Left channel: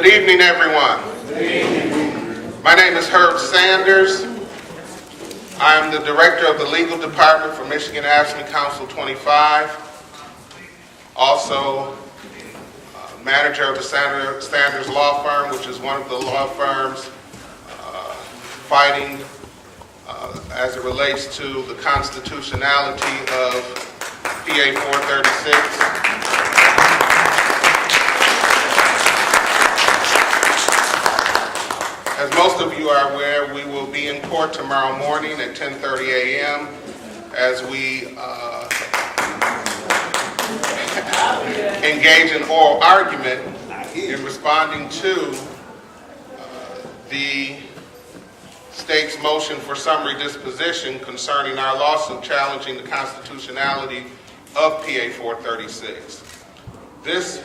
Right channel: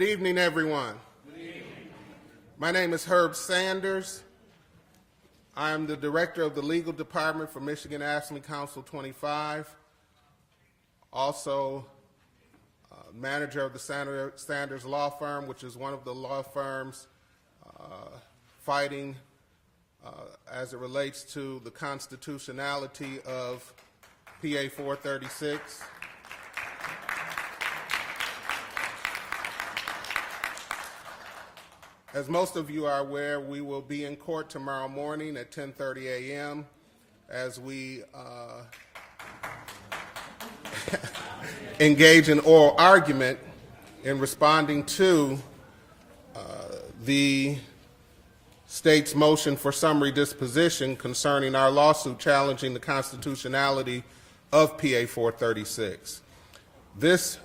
Good evening, everyone. My name is Herb Sanders. I'm the director of the legal department for Michigan Abstinence Council 25. Also, manager of the Sanders Law Firm, which is one of the law firms fighting as it relates to the constitutionality of PA 436. As most of you are aware, we will be in court tomorrow morning at 10:30 a.m. as we engage in oral argument in responding to the state's motion for summary disposition concerning our lawsuit challenging the constitutionality of PA 436. This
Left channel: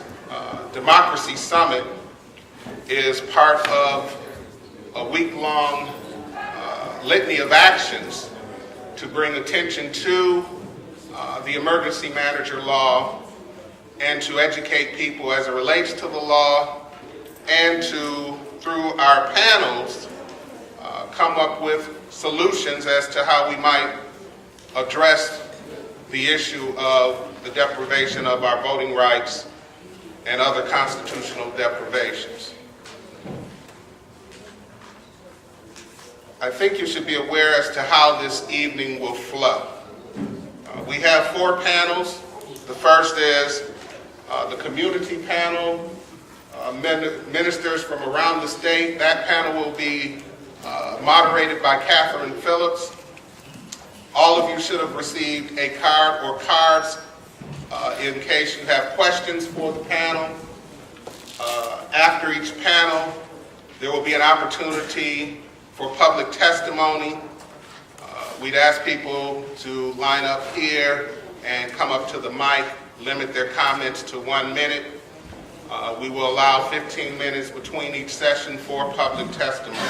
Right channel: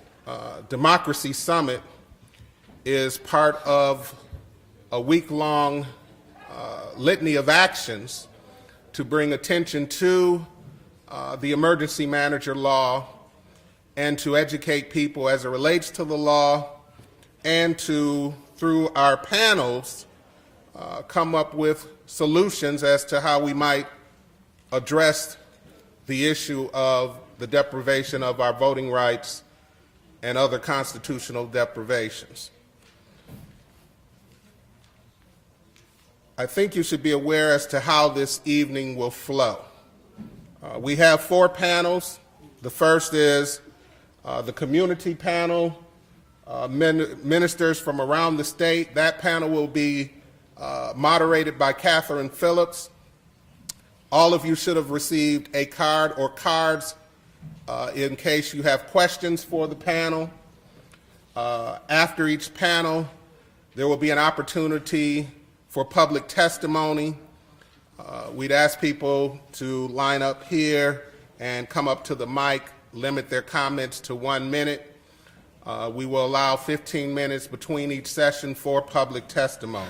Democracy Summit is part of a week-long litany of actions to bring attention to the emergency manager law and to educate people as it relates to the law and to, through our panels, come up with solutions as to how we might address the issue of the deprivation of our voting rights and other constitutional deprivations. I think you should be aware as to how this evening will flow. We have 4 panels. The first is the community panel, ministers from around the state. That panel will be moderated by Phillips. All of you should have received a card or cards in case you have questions for the panel. After each panel, there will be an opportunity for public testimony. We'd ask people to line up here and come up to the mic, limit their comments to 1 minute. We will allow 15 minutes between each session for public testimony.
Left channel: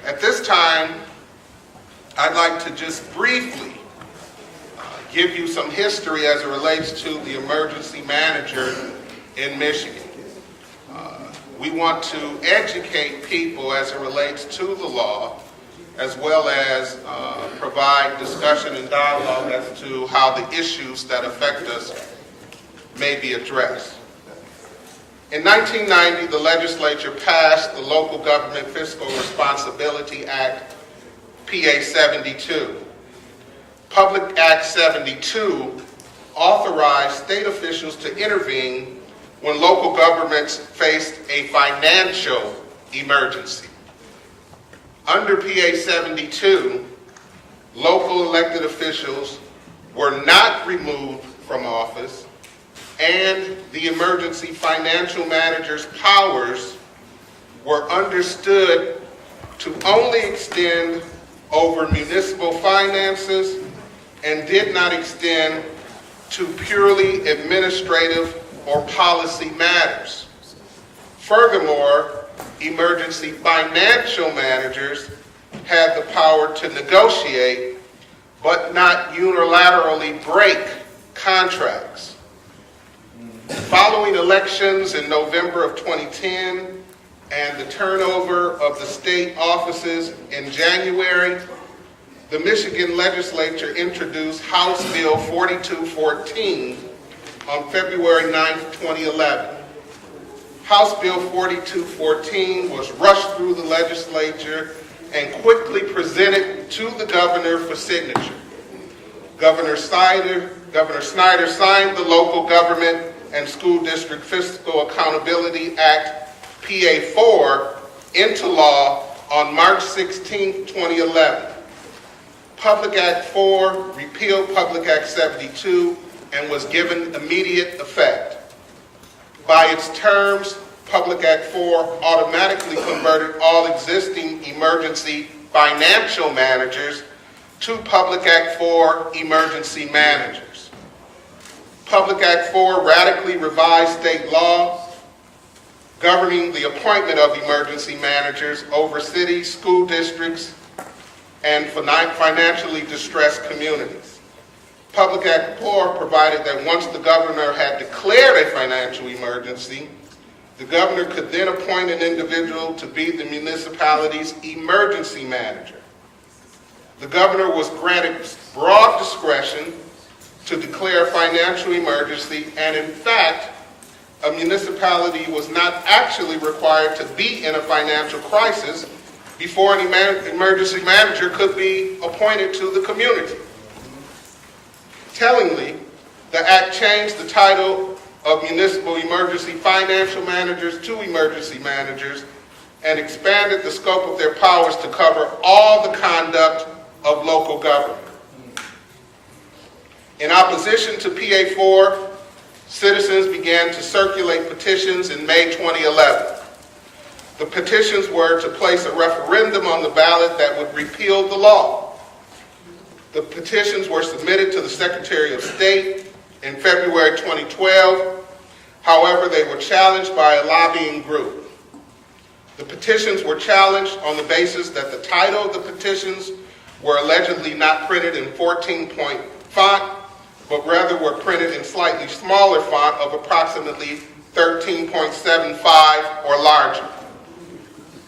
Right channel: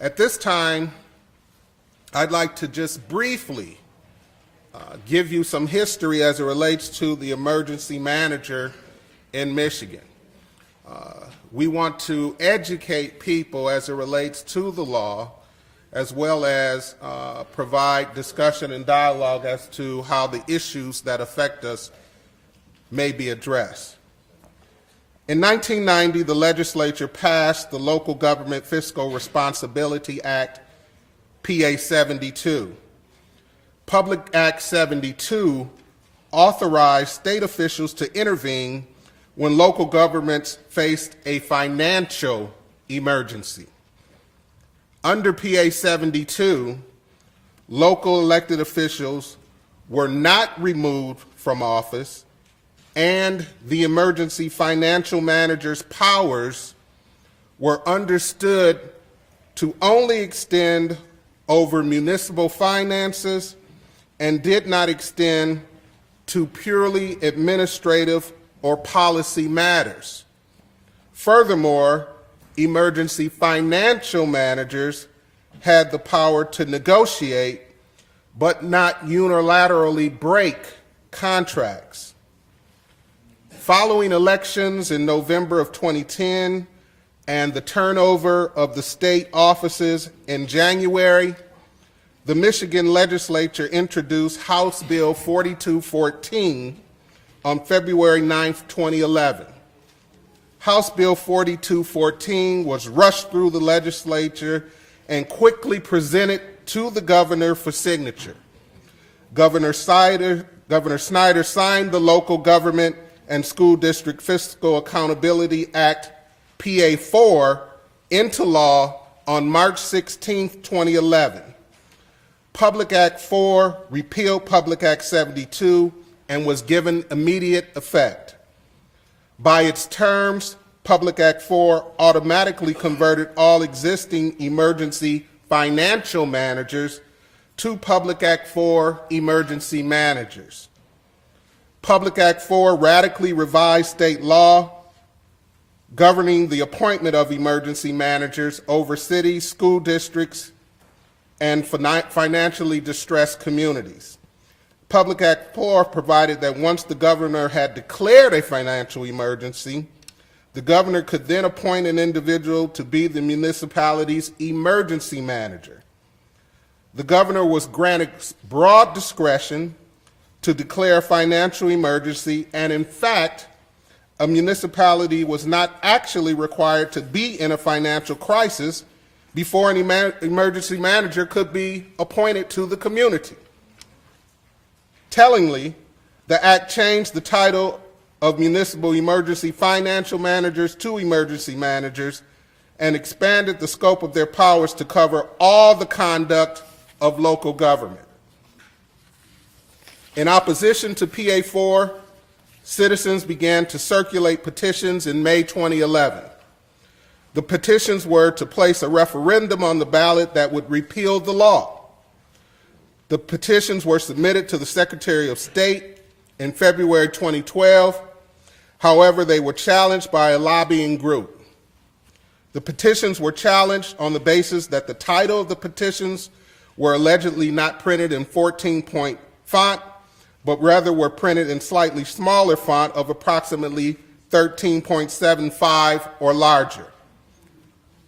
At this time, I'd like to just briefly give you some history as it relates to the emergency manager in Michigan. We want to educate people as it relates to the law, as well as provide discussion and dialogue as to how the issues that affect us may be addressed. In 1990, the legislature passed the Local Government Fiscal Responsibility Act, PA 72. Public Act 72 authorized state officials to intervene when local governments faced a financial emergency. Under PA 72, local elected officials were not removed from office, and the emergency financial manager's powers were understood to only extend over municipal finances and did not extend to purely administrative or policy matters. Furthermore, emergency financial managers had the power to negotiate but not unilaterally break contracts. Following elections in November of 2010 and the turnover of the state offices in January, the Michigan legislature introduced House Bill 4214 on February 9th, 2011. House Bill 4214 was rushed through the legislature and quickly presented to the governor for signature. Governor Snyder signed the Local Government and School District Fiscal Accountability Act, PA 4, into law on March 16, 2011. Public Act 4 repealed Public Act 72 and was given immediate effect. By its terms, Public Act 4 automatically converted all existing emergency financial managers to Public Act 4 emergency managers. Public Act 4 radically revised state law governing the appointment of emergency managers over cities, school districts, and financially distressed communities. Public Act 4 provided that once the governor had declared a financial emergency, The governor could then appoint an individual to be the municipality's emergency manager. The governor was granted broad discretion to declare a financial emergency, and in fact, a municipality was not actually required to be in a financial crisis before an emergency manager could be appointed to the community. Tellingly, the act changed the title of municipal emergency financial managers to emergency managers and expanded the scope of their powers to cover all the conduct of local government. In opposition to PA4, citizens began to circulate petitions in May 2011. The petitions were to place a referendum on the ballot that would repeal the law. The petitions were submitted to the Secretary of State in February 2012. However, they were challenged by a lobbying group. The petitions were challenged on the basis that the title of the petitions were allegedly not printed in 14-point font, but rather were printed in slightly smaller font of approximately 13.75 or larger.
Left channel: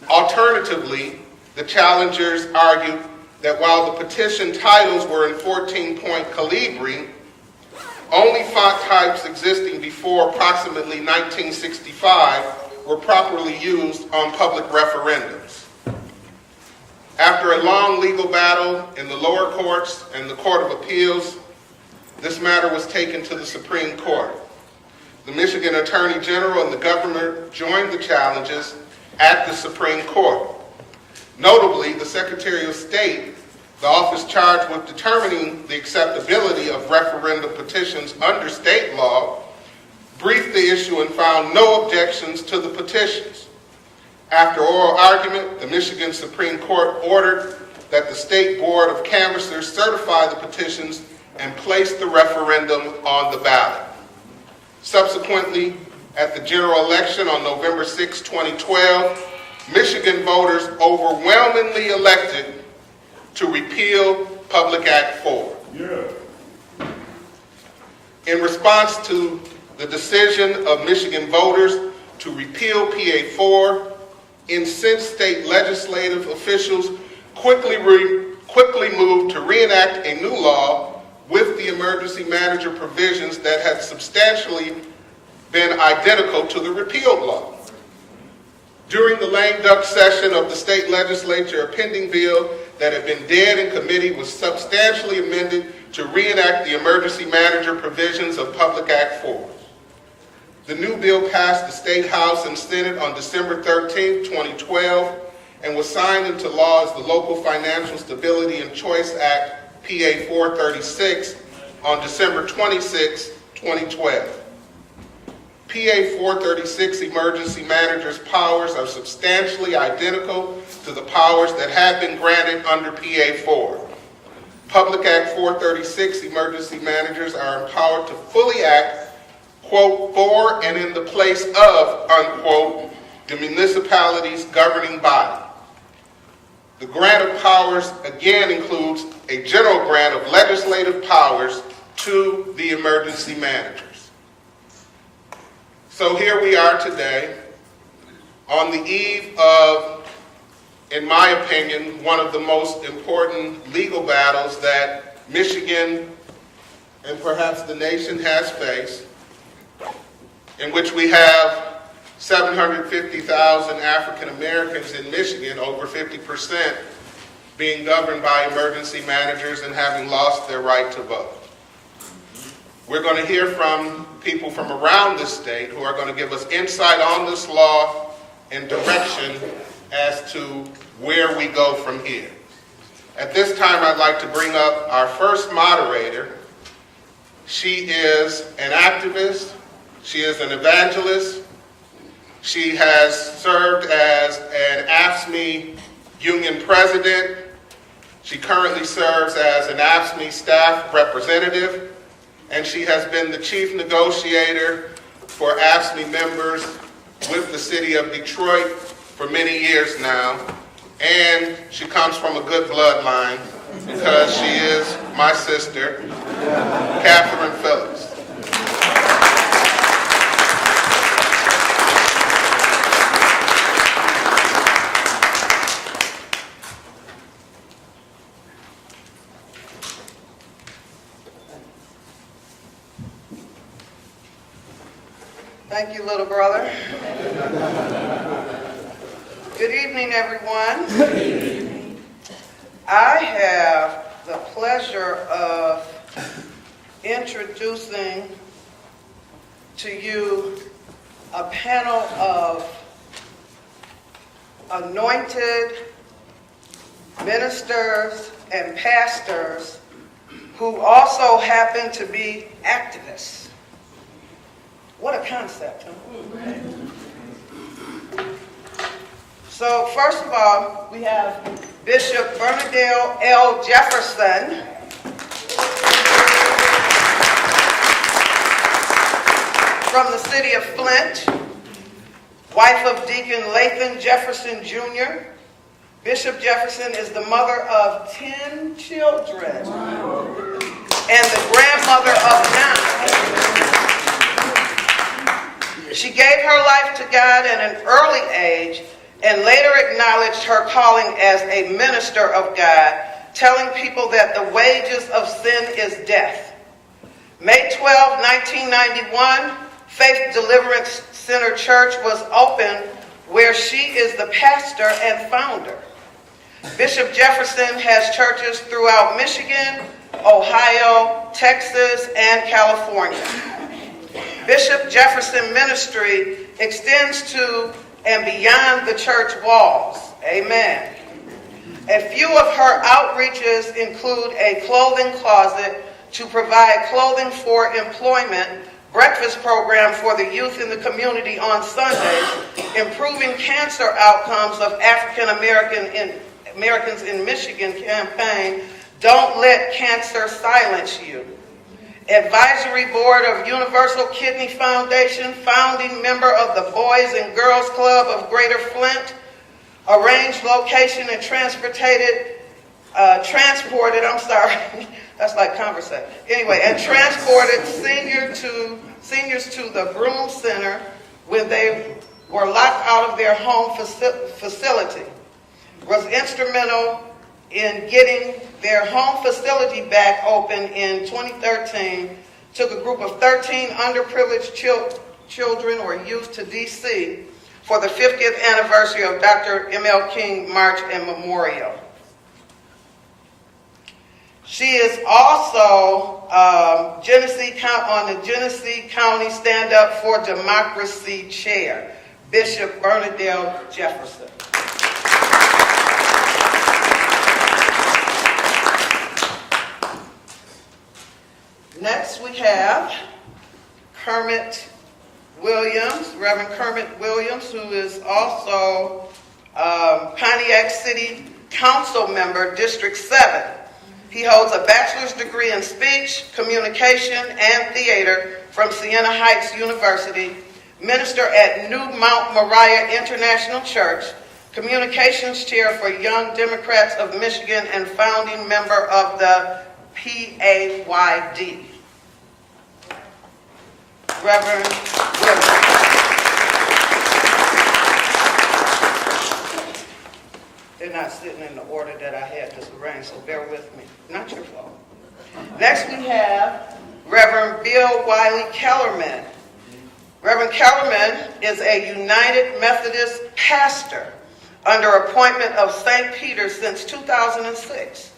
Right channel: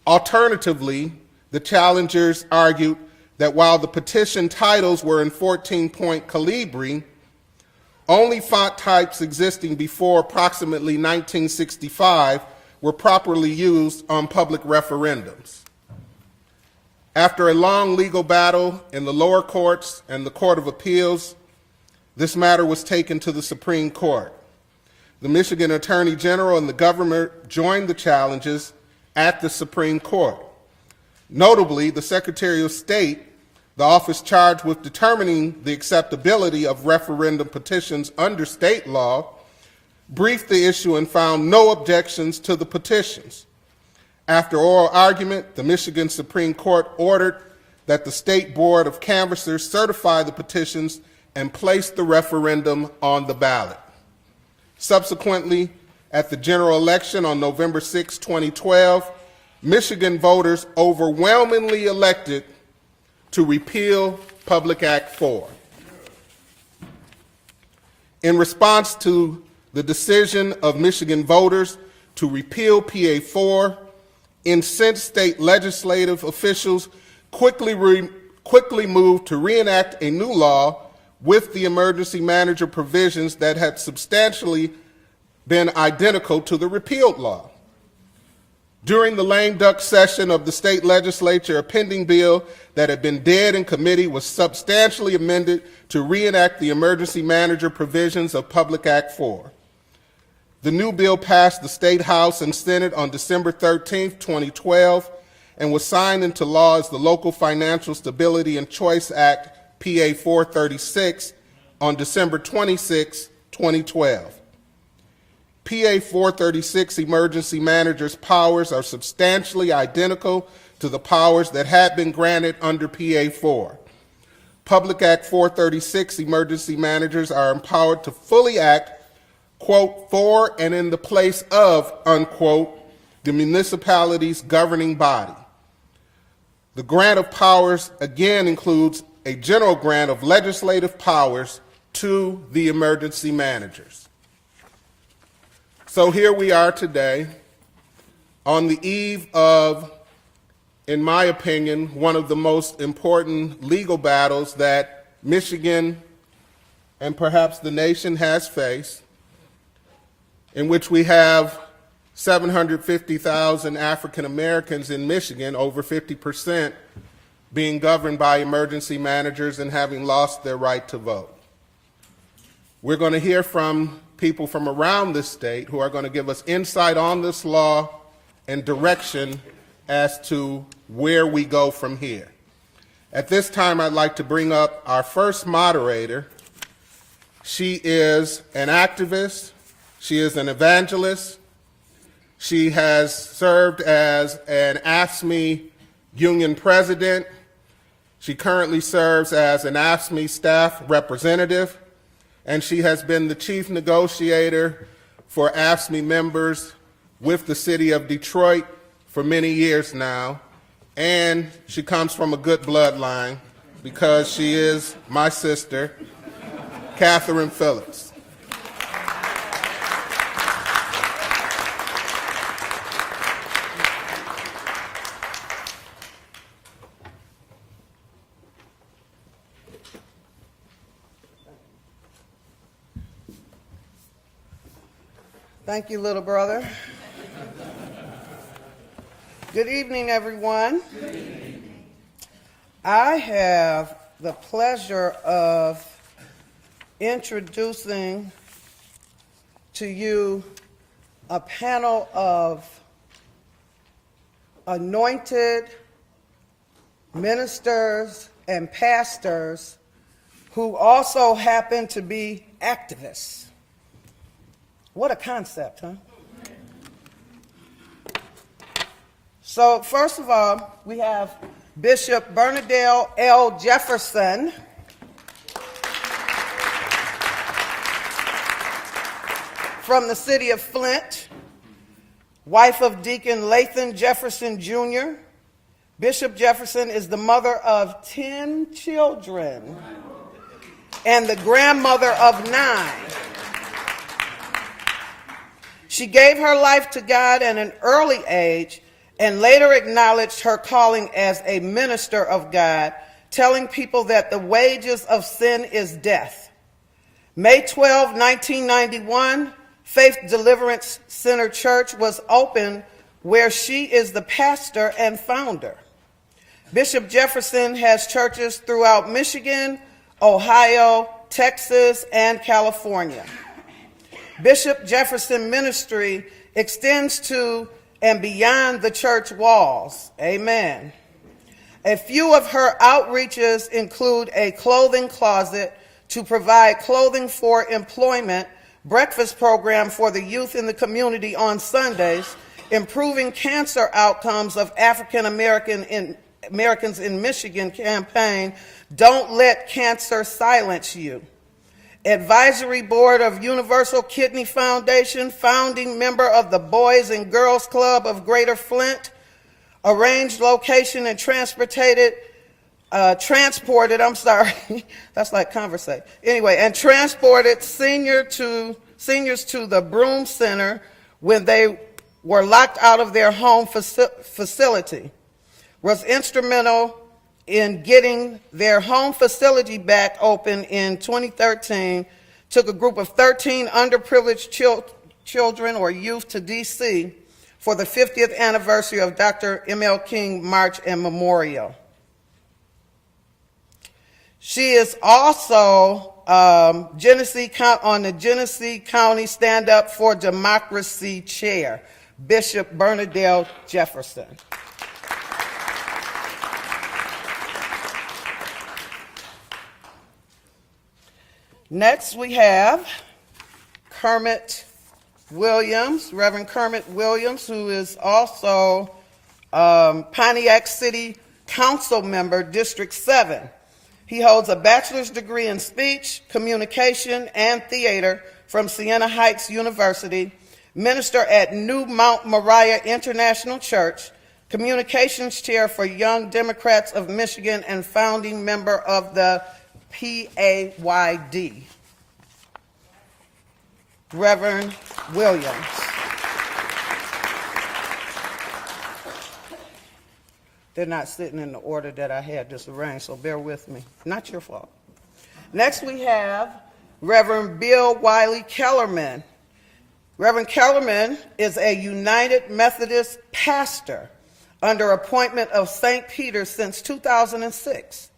Alternatively, the challengers argued that while the petition titles were in 14-point calibri, only font types existing before approximately 1965 were properly used on public referendums. After a long legal battle in the lower courts and the Court of Appeals, this matter was taken to the Supreme Court. The Michigan Attorney General and the governor joined the challenges at the Supreme Court. Notably, the Secretary of State, the office charged with determining the acceptability of referendum petitions under state law, briefed the issue and found no objections to the petitions. After oral argument, the Michigan Supreme Court ordered that the State Board of Canvassers certify the petitions and place the referendum on the ballot. Subsequently, at the general election on November 6, 2012, Michigan voters overwhelmingly elected to repeal Public Act 4. Yeah. In response to the decision of Michigan voters to repeal PA4, incensed state legislative officials quickly moved to reenact a new law with the emergency manager provisions that had substantially been identical to the repealed law. During the lame duck session of the state legislature, a pending bill that had been dead in committee was substantially amended to reenact the emergency manager provisions of Public Act 4. The new bill passed the State House and Senate on December 13, 2012, and was signed into law as the Local Financial Stability and Choice Act, PA 436, on December 26, 2012. PA 436 emergency managers' powers are substantially identical to the powers that had been granted under PA 4. Public Act 436 emergency managers are empowered to fully act, quote, for and in the place of, unquote, the municipality's governing body. The grant of powers again includes a general grant of legislative powers to the emergency managers. So here we are today on the eve of, in my opinion, one of the most important legal battles that Michigan and perhaps the nation has faced, in which we have 750,000 African Americans in Michigan, over 50%, being governed by emergency managers and having lost their right to vote. We're going to hear from people from around this state who are going to give us insight on this law and direction as to where we go from here. At this time, I'd like to bring up our first moderator. She is an activist. She is an evangelist. She has served as an AFSCME union president. She currently serves as an AFSCME staff representative, and she has been the chief negotiator for AFSCME members with the city of Detroit for many years now. And she comes from a good bloodline because she is my sister, Catherine Phillips. Thank you, little brother. Good evening, everyone. I have the pleasure of introducing to you a panel of anointed ministers and pastors who also happen to be activists. What a concept, huh? So first of all, we have Bishop Bernade L. Jefferson, from the city of Flint, wife of Deacon Lathan Jefferson Jr. Bishop Jefferson is the mother of 10 children and the grandmother of 9. She gave her life to God at an early age and later acknowledged her calling as a minister of God, telling people that the wages of sin is death. May 12, 1991, Faith Deliverance Center Church was opened, where she is the pastor and founder. Bishop Jefferson has churches throughout Michigan, Ohio, Texas, and California. Bishop Jefferson ministry extends to and beyond the church walls. Amen. A few of her outreaches include a clothing closet to provide clothing for employment, breakfast program for the youth in the community on Sundays, improving cancer outcomes of African Americans in Michigan campaign, Don't Let Cancer Silence You. Advisory Board of Universal Kidney Foundation, founding member of the Boys and Girls Club of Greater Flint, arranged location and transported, that's like conversation. Anyway, and transported seniors to the Broome Center when they were locked out of their home facility. Was instrumental in getting their home facility back open in 2013, took a group of 13 underprivileged children or youth to D.C. for the 50th anniversary of Dr. M.L. King March and Memorial. She is also on the Genesee County Stand Up for Democracy Chair, Bishop Bernade Jefferson. Next, we have Kermit Williams, Reverend Kermit Williams, who is also Pontiac City Council member, District 7. He holds a bachelor's degree in speech, communication, and theater from Siena Heights University, minister at New Mount Moriah International Church, communications chair for Young Democrats of Michigan, and founding member of the PAYD. Reverend Williams. They're not sitting in the order that I had this arranged, so bear with me. Not your fault. Next we have Reverend Bill Wylie-Kellermann. Reverend Kellermann is a United Methodist pastor under appointment of St. Peter since 2006.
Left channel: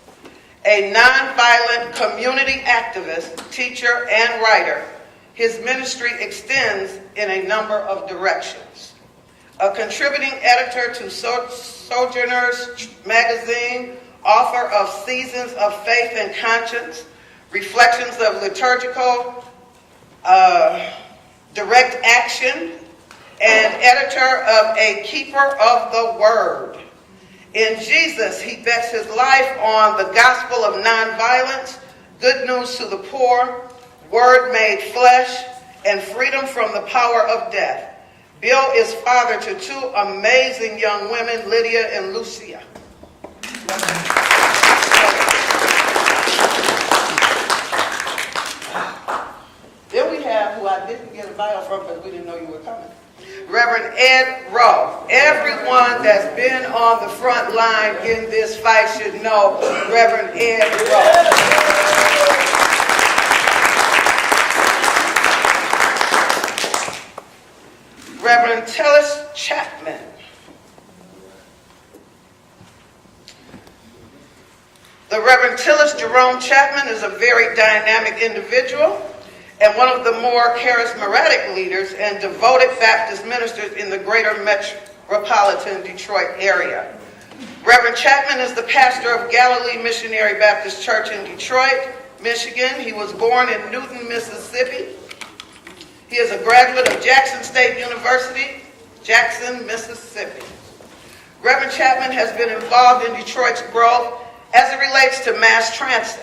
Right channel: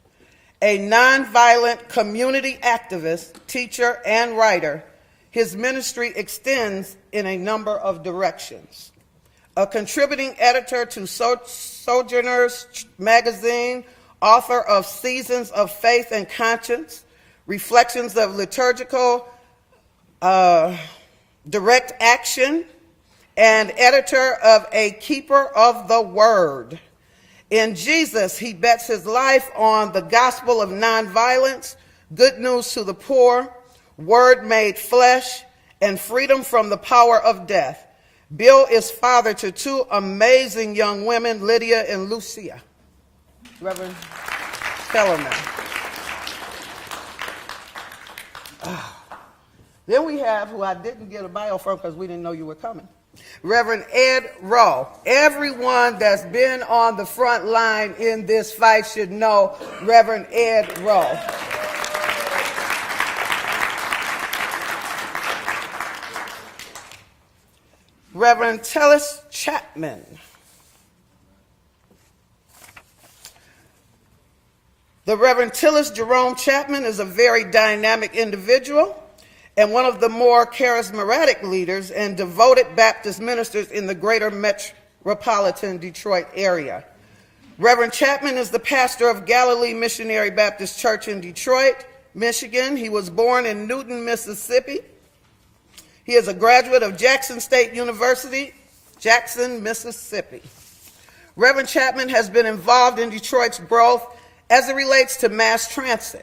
A nonviolent community activist, teacher, and writer, his ministry extends in a number of directions. A contributing editor to Sojourners magazine, author of Seasons of Faith and Conscience, Reflections of Liturgical Direct Action, and editor of A Keeper of the Word. In Jesus, he bets his life on the gospel of nonviolence, good news to the poor, word made flesh, and freedom from the power of death. Bill is father to 2 amazing young women, Lydia and Lucia. Then we have, who I didn't get a bio from because we didn't know you were coming, Reverend Ed Rowe. Everyone that's been on the front line in this fight should know Reverend Ed Rowe. Reverend Tellis Chapman. The Reverend Tellis Jerome Chapman is a very dynamic individual and one of the more charismatic leaders and devoted Baptist ministers in the greater metropolitan Detroit area. Reverend Chapman is the pastor of Galilee Missionary Baptist Church in Detroit, Michigan. He was born in Newton, Mississippi. He is a graduate of Jackson State University, Jackson, Mississippi. Reverend Chapman has been involved in Detroit's growth as it relates to mass transit.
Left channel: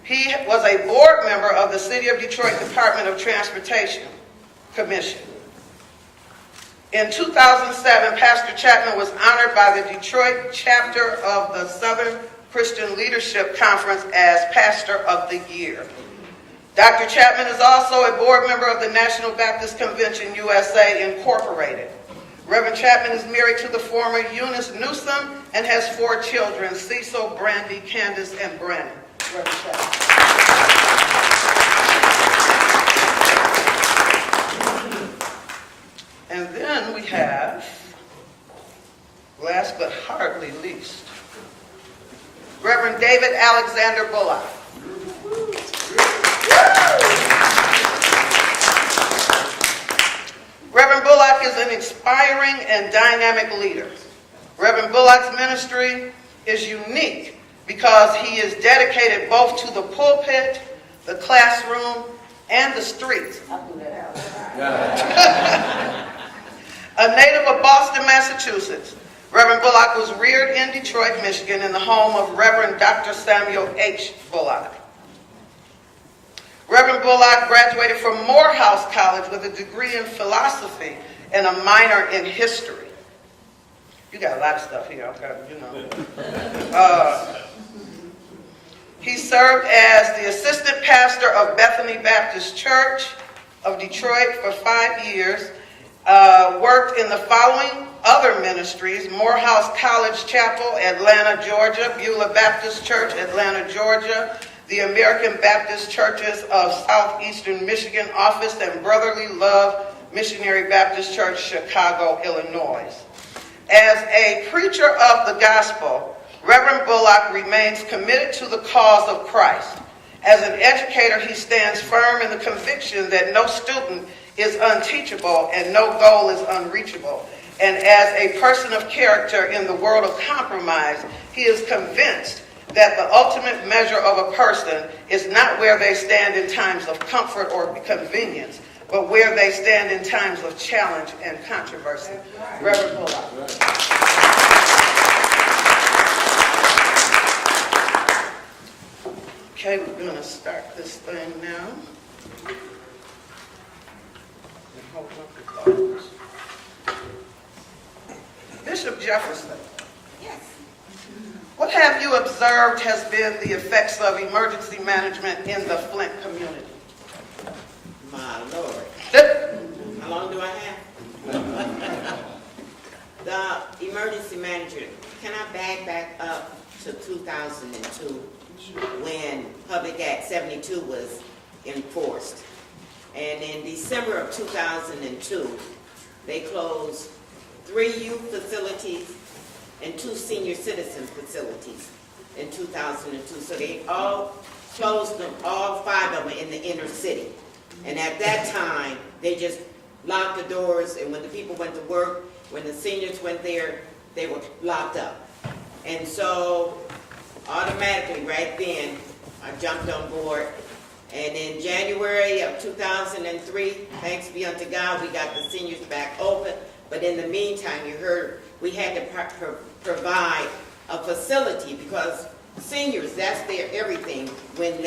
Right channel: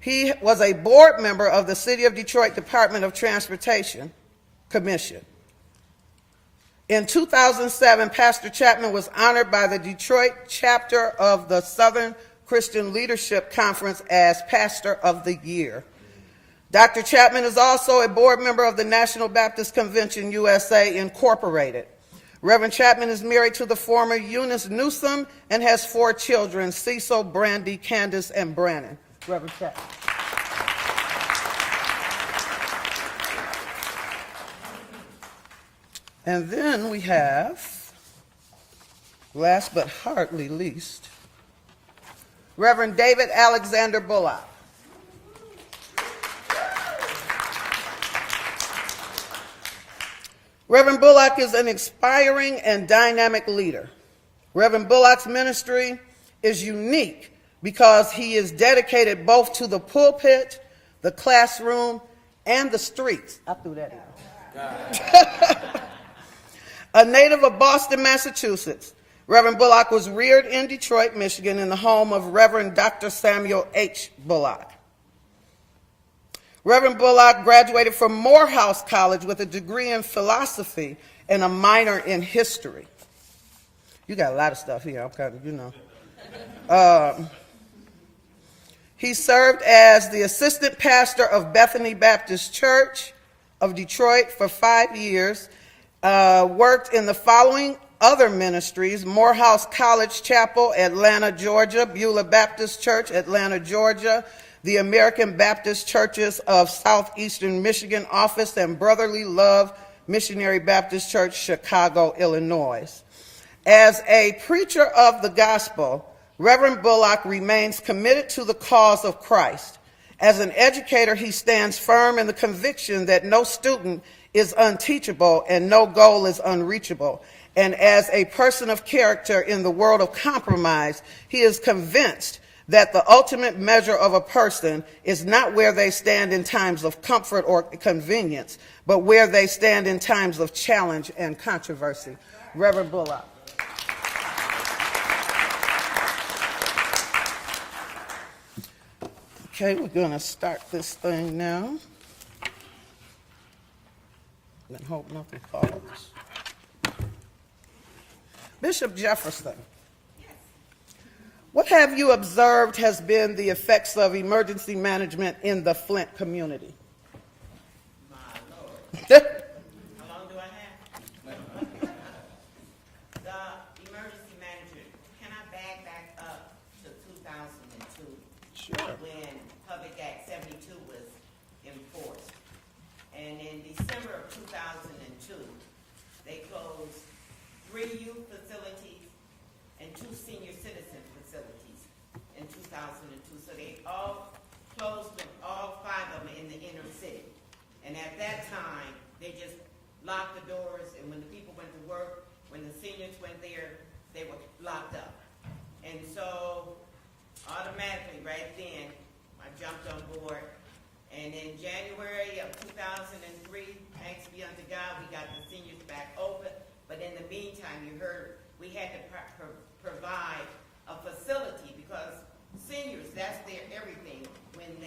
He was a board member of the City of Detroit Department of Transportation Commission. In 2007, Pastor Chapman was honored by the Detroit chapter of the Southern Christian Leadership Conference as Pastor of the Year. Dr. Chapman is also a board member of the National Baptist Convention USA Incorporated. Reverend Chapman is married to the former Eunice Newsom and has 4 children, Cecil, Brandy, Candace, and Brandon. Reverend Chapman. And then we have, last but hardly least, Reverend David Alexander Bullock. Reverend Bullock is an inspiring and dynamic leader. Reverend Bullock's ministry is unique because he is dedicated both to the pulpit, the classroom, and the streets. I'll do that. A native of Boston, Massachusetts, Reverend Bullock was reared in Detroit, Michigan, in the home of Reverend Dr. Samuel H. Bullock. Reverend Bullock graduated from Morehouse College with a degree in philosophy and a minor in history. You got a lot of stuff here, He served as the assistant pastor of Bethany Baptist Church of Detroit for 5 years, worked in the following other ministries: Morehouse College Chapel, Atlanta, Georgia; Beulah Baptist Church, Atlanta, Georgia; the American Baptist Churches of Southeastern Michigan Office, and Brotherly Love Missionary Baptist Church, Chicago, Illinois. As a preacher of the gospel, Reverend Bullock remains committed to the cause of Christ. As an educator, he stands firm in the conviction that no student is unteachable and no goal is unreachable. And as a person of character in the world of compromise, he is convinced that the ultimate measure of a person is not where they stand in times of comfort or convenience, but where they stand in times of challenge and controversy. Reverend Bullock. Okay, we're going to start this thing now. I hope nothing falls. Bishop Jefferson. Yes. What have you observed has been the effects of emergency management in the Flint community? My Lord. How long do I have? The emergency management, can I back up to 2002 when Public Act 72 was enforced? And in December of 2002, they closed 3 youth facilities and 2 senior citizen facilities in 2002. So they all closed them, all 5 of them in the inner city. And at that time, they just locked the doors, and when the people went to work, when the seniors went there, they were locked up. And so automatically right then, I jumped on board. And in January of 2003, thanks be unto God, we got the seniors back open. But in the meantime, you heard we had to provide a facility, because seniors, that's their everything. When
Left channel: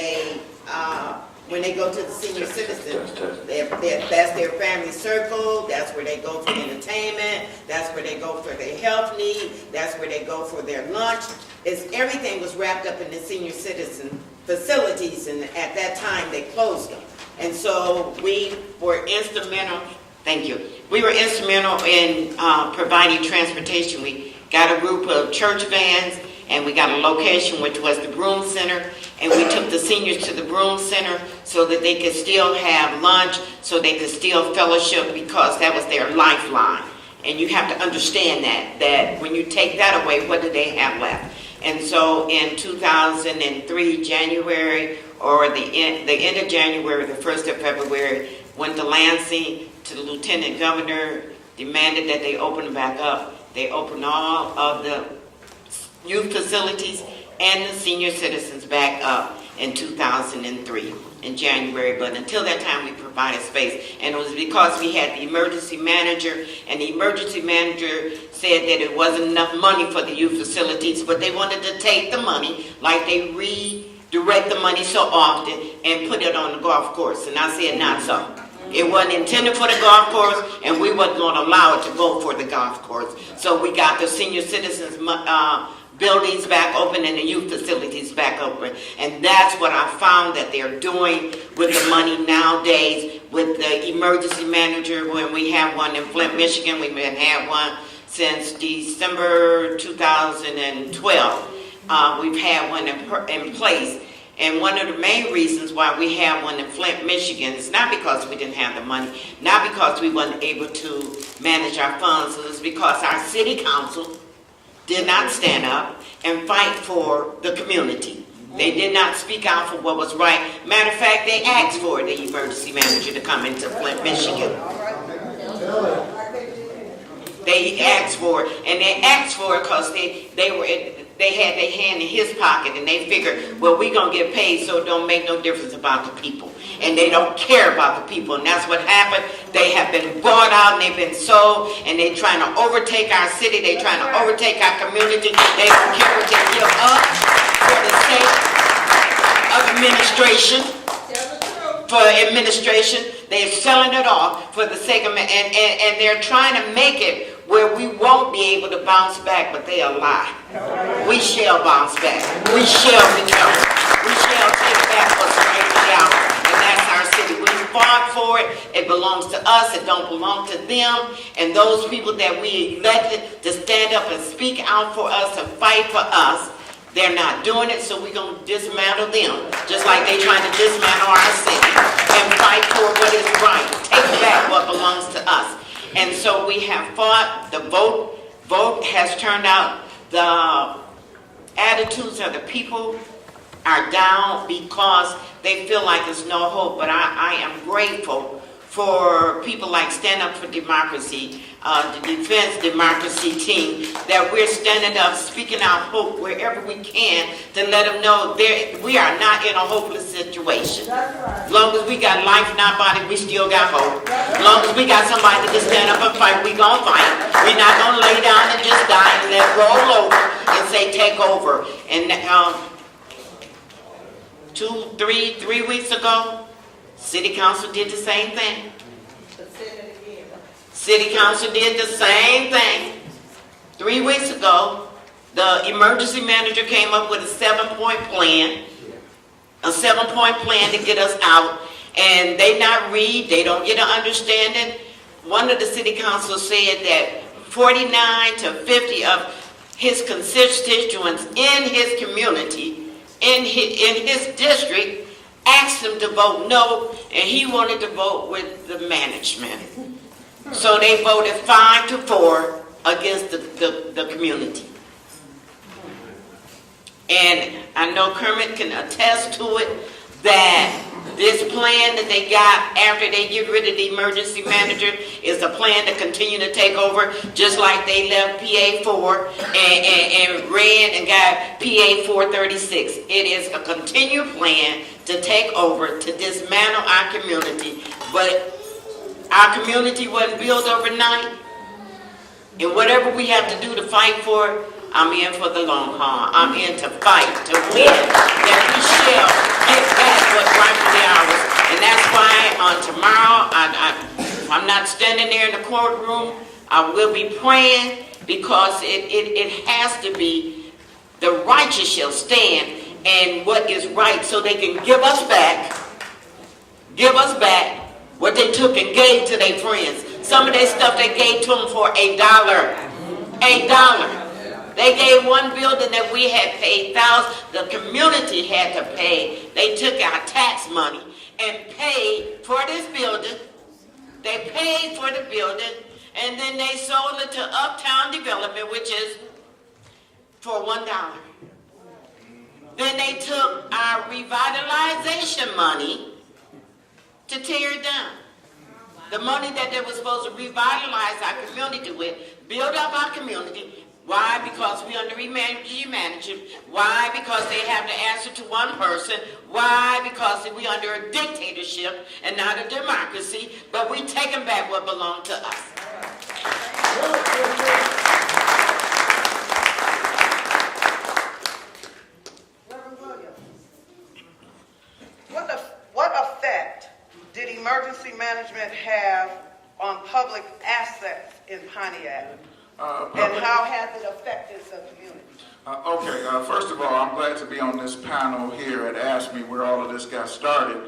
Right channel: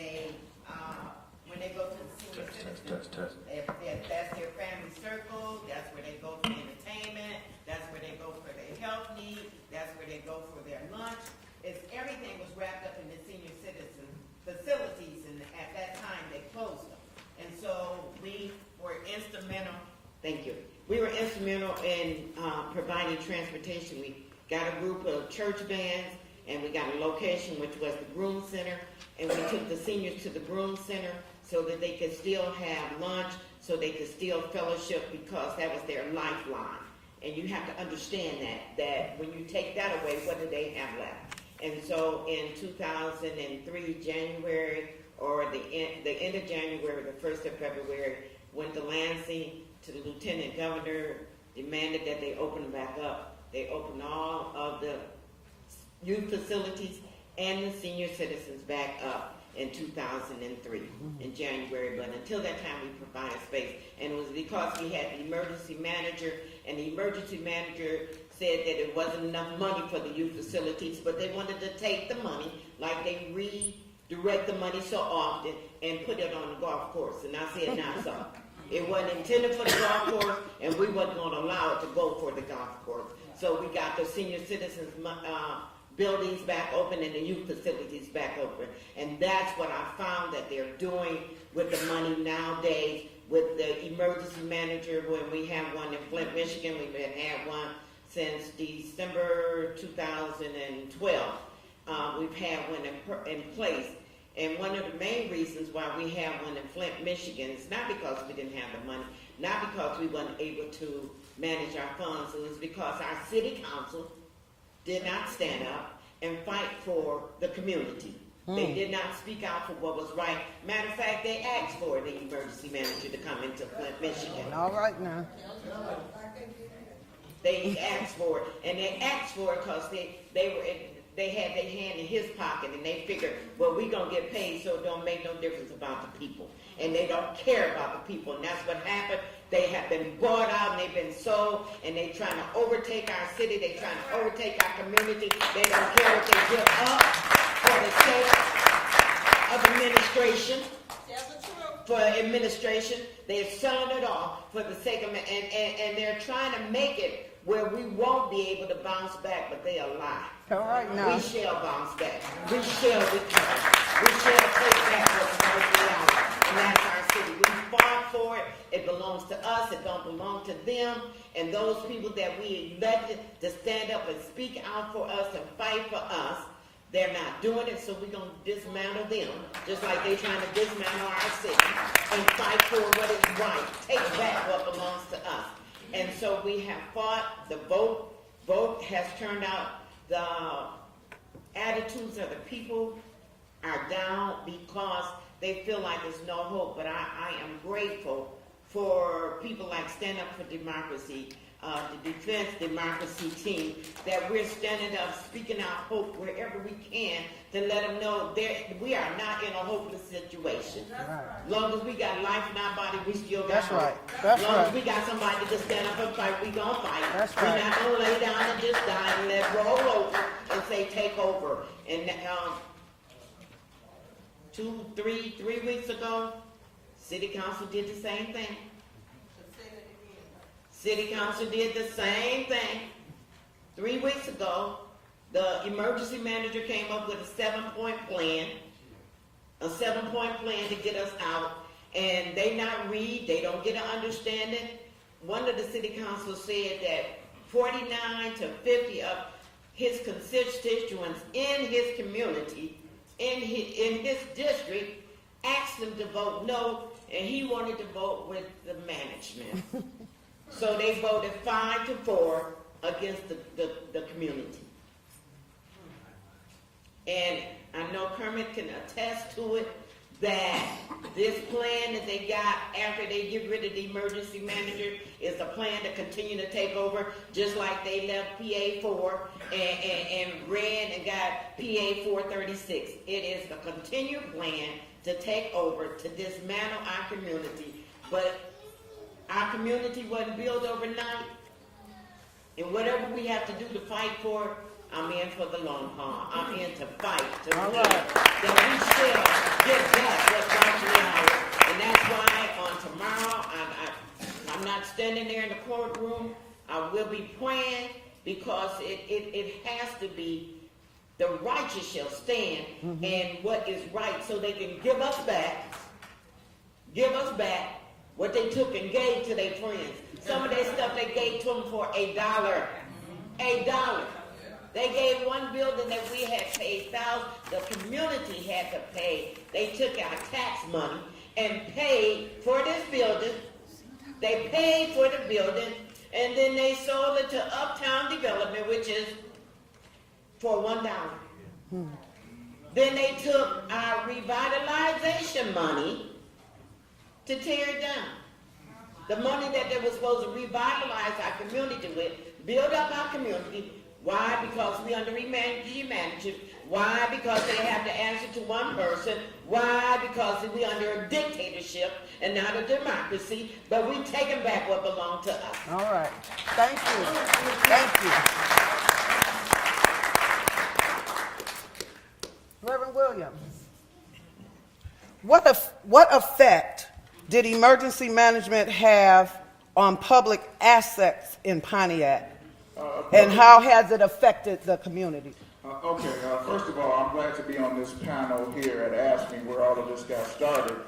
they go to the senior citizen, that's their family circle. That's where they go for entertainment. That's where they go for their health need. That's where they go for their lunch. Everything was wrapped up in the senior citizen facilities, and at that time they closed them. And so we were instrumental. Thank you. We were instrumental in providing transportation. We got a group of church vans, and we got a location which was the Broom Center, and we took the seniors to the Broom Center so that they could still have lunch, so they could still fellowship, because that was their lifeline. And you have to understand that when you take that away, what do they have left? And so in 2003, January, or the end of January, the 1st of February, went to Lansing to the Lieutenant Governor, demanded that they open it back up. They opened all of the youth facilities and the senior citizens back up in 2003 in January. But until that time, we provided space. And it was because we had the emergency manager, and the emergency manager said that it wasn't enough money for the youth facilities, but they wanted to take the money, like they redirect the money so often, and put it on the golf course. And I said, not so. It wasn't intended for the golf course, and we wasn't going to allow it to go for the golf course. So we got the senior citizens buildings back open and the youth facilities back open. And that's what I found that they're doing with the money nowadays with the emergency manager. When we have one in Flint, Michigan, we've been had one since December 2012. We've had one in place. And one of the main reasons why we have one in Flint, Michigan, is not because we didn't have the money, not because we weren't able to manage our funds, it's because our city council did not stand up and fight for the community. They did not speak out for what was right. Matter of fact, they asked for the emergency manager to come into Flint, Michigan. They asked for it, and they asked for it because they had their hand in his pocket, and they figured, well, we're going to get paid, so it don't make no difference about the people. And they don't care about the people, and that's what happened. They have been bought out, and they've been sold, and they're trying to overtake our city. They're trying to overtake our community. They don't care what they give up for the sake of administration. For administration, they're selling it off for the sake of, and they're trying to make it where we won't be able to bounce back, but they are lie. We shall bounce back. We shall return. We shall take back what's rightfully ours, and that's our city. We fought for it. It belongs to us. It don't belong to them. And those people that we elected to stand up and speak out for us and fight for us, they're not doing it, so we're going to dismantle them, just like they're trying to dismantle our city and fight for what is right, take back what belongs to us. And so we have fought. The vote has turned out. The attitudes of the people are down because they feel like there's no hope. But I am grateful for people like Stand Up for Democracy, the Defense Democracy team, that we're standing up, speaking out hope wherever we can to let them know we are not in a hopeless situation. As long as we got life in our body, we still got hope. As long as we got somebody to stand up and fight, we gonna fight. We're not gonna lay down and just die and let roll over and say take over. And 3 weeks ago, City Council did the same thing. City Council did the same thing. 3 weeks ago, the emergency manager came up with a 7-point plan. A 7-point plan to get us out. And they not read, they don't get an understanding. One of the city councils said that 49 to 50 of his constituents in his community, in his district, asked him to vote no, and he wanted to vote with the management. So they voted 5-4 against the community. And I know Kermit can attest to it, that this plan that they got after they get rid of the emergency manager is a plan to continue to take over, just like they left PA 4 and ran and got PA 436. It is a continued plan to take over, to dismantle our community. But our community wasn't built overnight. And whatever we have to do to fight for it, I'm in for the long haul. I'm in to fight, to win, that we shall get back what's rightfully ours. And that's why on tomorrow, I'm not standing there in the courtroom. I will be praying, because it has to be the righteous shall stand and what is right, so they can give us back what they took and gave to their friends. Some of their stuff they gave to them for $1. $1. They gave one building that we had paid thousands, the community had to pay. They took our tax money and paid for this building. They paid for the building, and then they sold it to Uptown Development, which is for $1. Then they took our revitalization money to tear it down. The money that they were supposed to revitalize our community with, build up our community. Why? Because we under emergency management. Why? Because they have to answer to one person. Why? Because we under a dictatorship and not a democracy, but we taking back what belonged to us. All right. Thank you. Reverend Williams, what effect did emergency management have on public assets in Pontiac? And how has it affected the community? First of all, I'm glad to be on this panel here at ASME where all of this got started.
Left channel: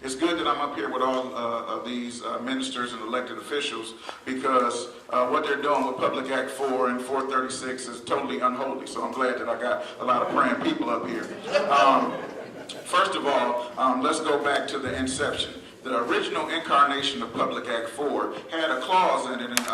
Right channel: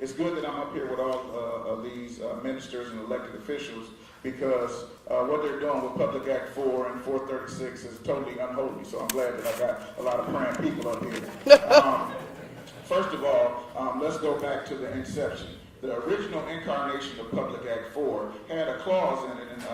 It's good that I'm up here with all of these ministers and elected officials because what they're doing with Public Act 4 and 436 is totally unholy. So I'm glad that I got a lot of praying people up here. First of all, let's go back to the inception. The original incarnation of Public Act 4 had a clause in it, and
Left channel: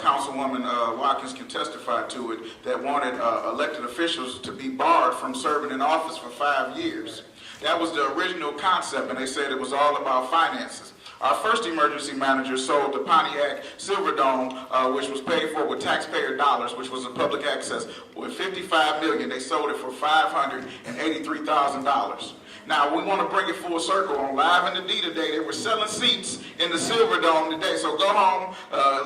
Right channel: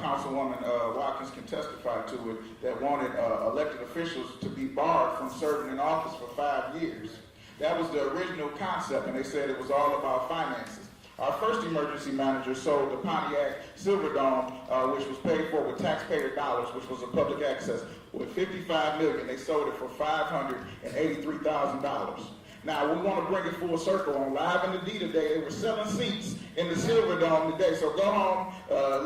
Councilwoman Watkins can testify to it, that wanted elected officials to be barred from serving in office for 5 years. That was the original concept, and they said it was all about finances. Our first emergency manager sold the Pontiac Silverdome, which was paid for with taxpayer dollars, which was a public access, with $55 million. They sold it for $583,000. Now, we want to bring it full circle. On Live in the D today, they were selling seats in the Silverdome today. So go home,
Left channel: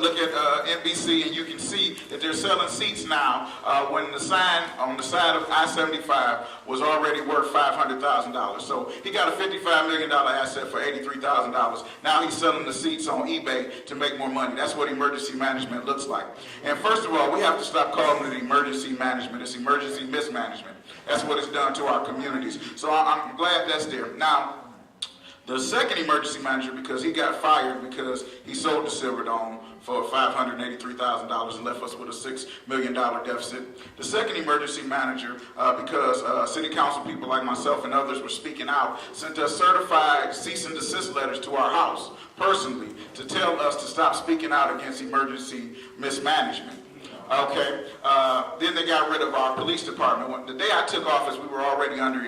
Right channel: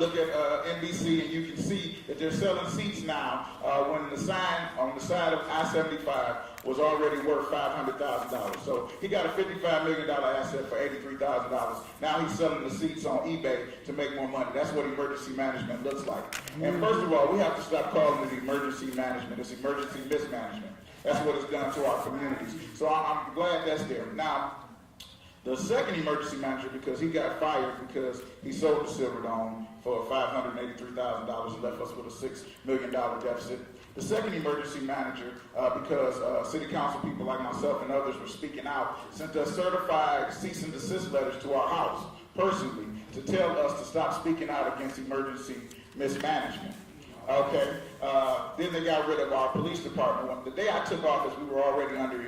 look at NBC, and you can see that they're selling seats now when the sign on the side of I-75 was already worth $500,000. So he got a $55 million asset for $83,000. Now he's selling the seats on eBay to make more money. That's what emergency management looks like. And first of all, we have to stop calling it emergency management. It's emergency mismanagement. That's what it's done to our communities. So I'm glad that's there. Now, the second emergency manager, because he got fired because he sold the Silverdome for $583,000 and left us with a $6 million deficit. The second emergency manager, because city council people like myself and others were speaking out, sent us certified cease and desist letters to our house personally to tell us to stop speaking out against emergency mismanagement. Okay, then they got rid of our police department. The day I took office, we were already under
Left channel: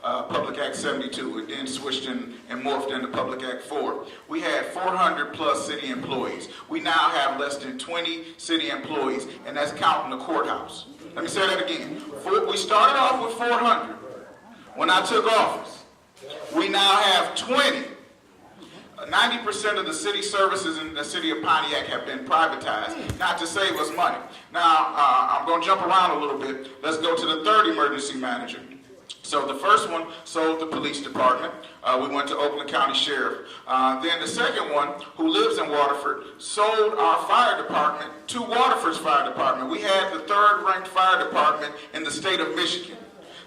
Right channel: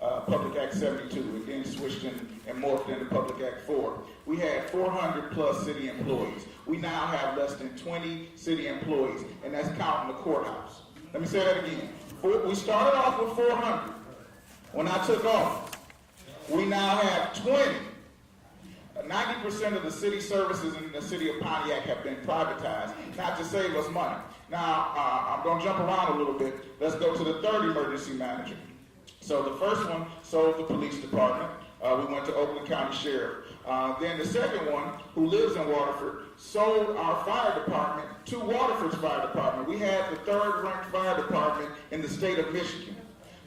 Public Act 72. It then switched in and morphed into Public Act 4. We had 400 plus city employees. We now have less than 20 city employees, and that's counting the courthouse. Let me say that again. We started off with 400 when I took office. We now have 20. 90% of the city services in the city of Pontiac have been privatized, not to save us money. Now, I'm going to jump around a little bit. Let's go to the third emergency manager. So the first one sold the police department. We went to Oakland County Sheriff. Then the second one, who lives in Waterford, sold our fire department to Waterford's fire department. We had the third-ranked fire department in the state of Michigan.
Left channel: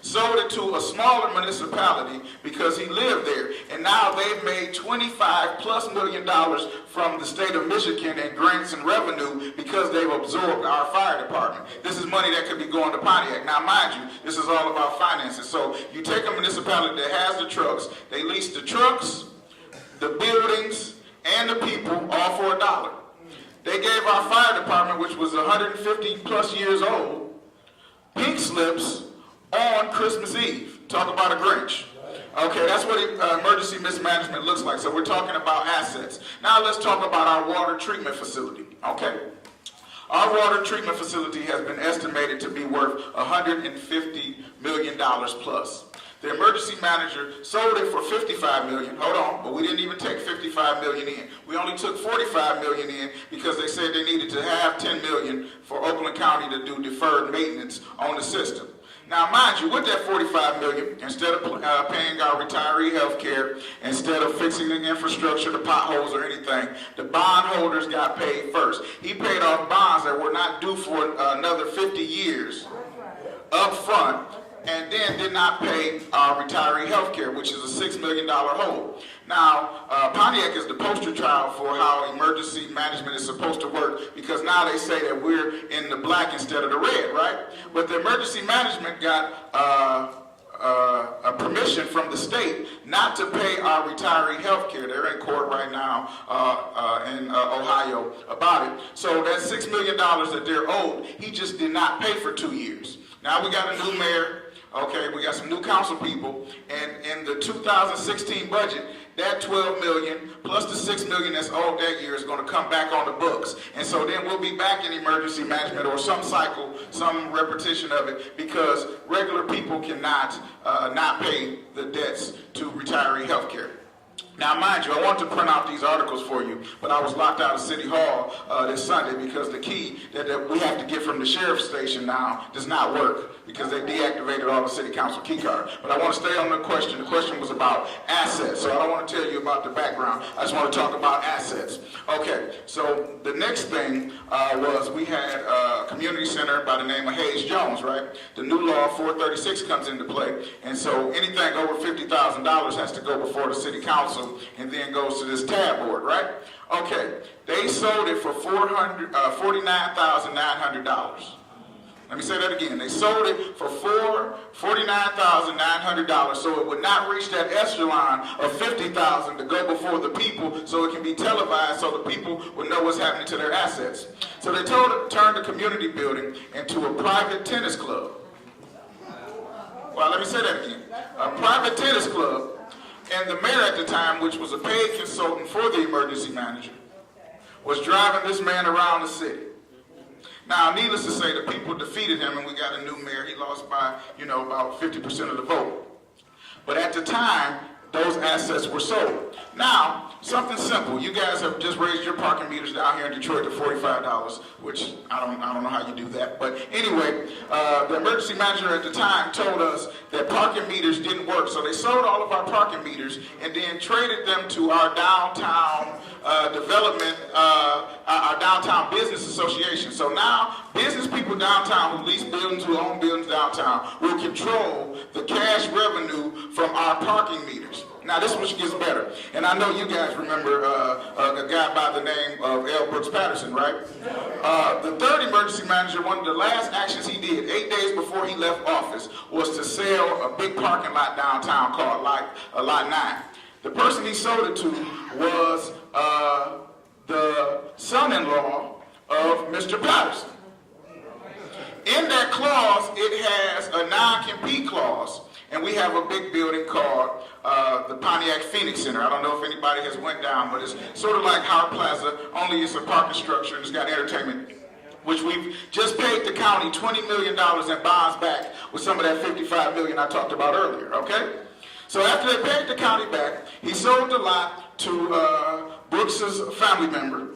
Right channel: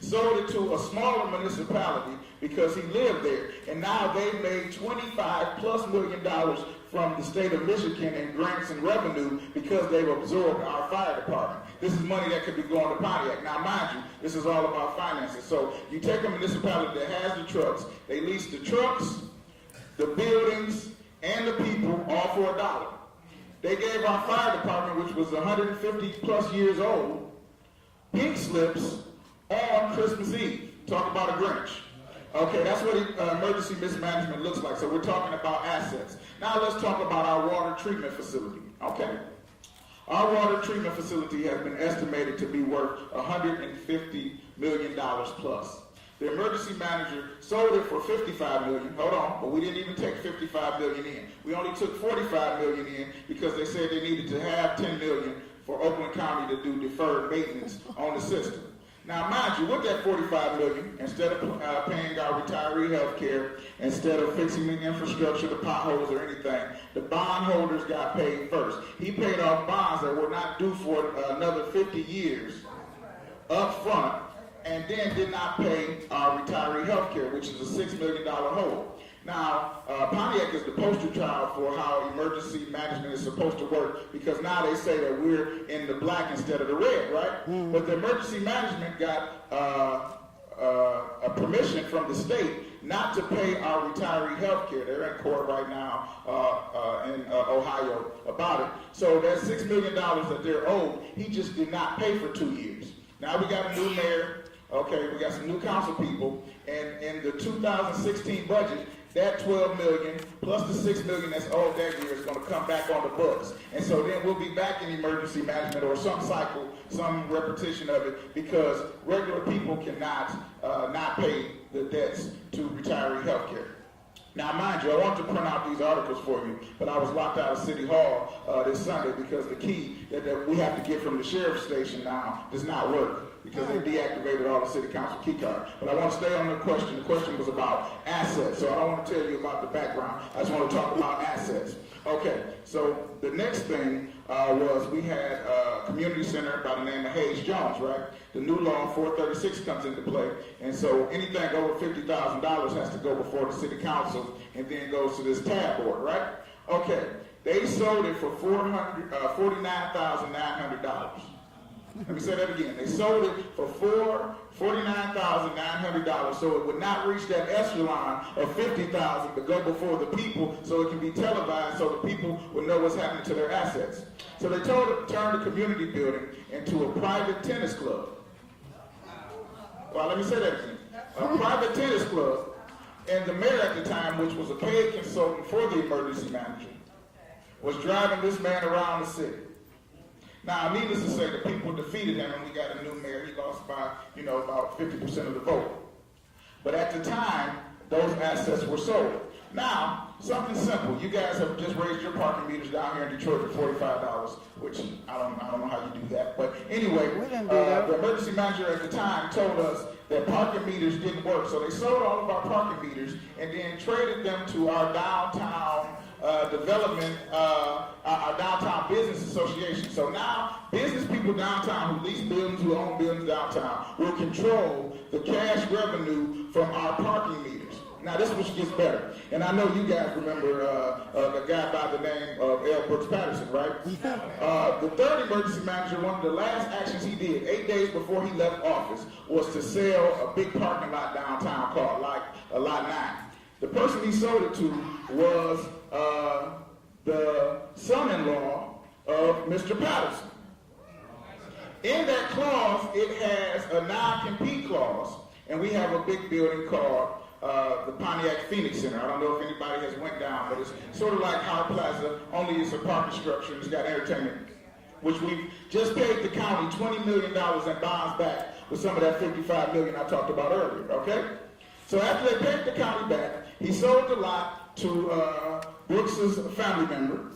Sold it to a smaller municipality because he lived there. And now they've made $25+ million from the state of Michigan in grants and revenue because they've absorbed our fire department. This is money that could be going to Pontiac. Now, mind you, this is all about finances. So you take a municipality that has the trucks, they lease the trucks, the buildings, and the people all for $1. They gave our fire department, which was 150+ years old, pink slips on Christmas Eve. Talk about a Grinch. Okay, that's what emergency mismanagement looks like. So we're talking about assets. Now let's talk about our water treatment facility. Okay. Our water treatment facility has been estimated to be worth $150 million plus. The emergency manager sold it for $55 million. Hold on, but we didn't even take $55 million in. We only took $45 million in because they said they needed to have $10 million for Oakland County to do deferred maintenance on the system. Now, mind you, with that $45 million, instead of paying our retiree health care, instead of fixing the infrastructure, the potholes or anything, the bondholders got paid first. He paid off bonds that were not due for another 50 years up front, and then did not pay our retiree health care, which is a $6 million hole. Now, Pontiac is the poster child for how emergency management is supposed to work, because now they say that we're in the black instead of the red, right? But the emergency management got a permission from the state not to pay our retiree health care. They're in court right now in Ohio about it. So that $6 million that they're owed, he just did not pay for 2 years. Now we got a new mayor, okay, we got some new council people, and in the 2016 budget, that $12 million plus the $6 million that's owed that year is going to come back on the books. And so then we'll be back in emergency management or some cycle, some repetition of it, because regular people cannot not pay the debts to retiree health care. Now, mind you, I want to print out these articles for you, but I was locked out of City Hall this Sunday because the key that we have to get from the sheriff's station now does not work because they deactivated all the city council key cards. But I want to stay on the question. The question was about assets, so I don't want to tell you about the background. I just want to talk about assets. Okay, so the next thing was we had a community center by the name of Hayes Jones, right? The new law 436 comes into play, and so anything over $50,000 has to go before the city council and then goes to this tab board, right? Okay, they sold it for $49,900. Let me say that again. They sold it for $49,900, so it would not reach that echelon of $50,000 to go before the people, so it can be televised, so the people will know what's happening to their assets. So they turned the community building into a private tennis club. Well, let me say that again. A private tennis club. And the mayor at the time, which was a paid consultant for the emergency manager, was driving this man around the city. Now, needless to say, the people defeated him, and we got a new mayor. He lost by, about 50% of the vote. But at the time, those assets were sold. Now, something simple. You guys have just raised your parking meters down here in Detroit to $45, which I don't know how you do that. But anyway, the emergency manager at the time told us that parking meters didn't work. So they sold all of our parking meters and then traded them to our downtown development, our downtown business association. So now business people downtown who lease buildings, who own buildings downtown, will control the cash revenue from our parking meters. Now this one gets better. And I know you guys remember the guy by the name of L. Brooks Patterson, right? The third emergency manager, one of the last actions he did 8 days before he left office was to sell a big parking lot downtown called Lot 9. The person he sold it to was the son-in-law of Mr. Patterson. In that clause, it has a non-compete clause, and we have a big building called the Pontiac Phoenix Center. I don't know if anybody has went down, but it's sort of like Howard Plaza, only it's a parking structure and it's got entertainment, which we've just paid the county $20 million in bonds back with some of that $55 million I talked about earlier, okay? So after they paid the county back, he sold the lot to Brooks's family member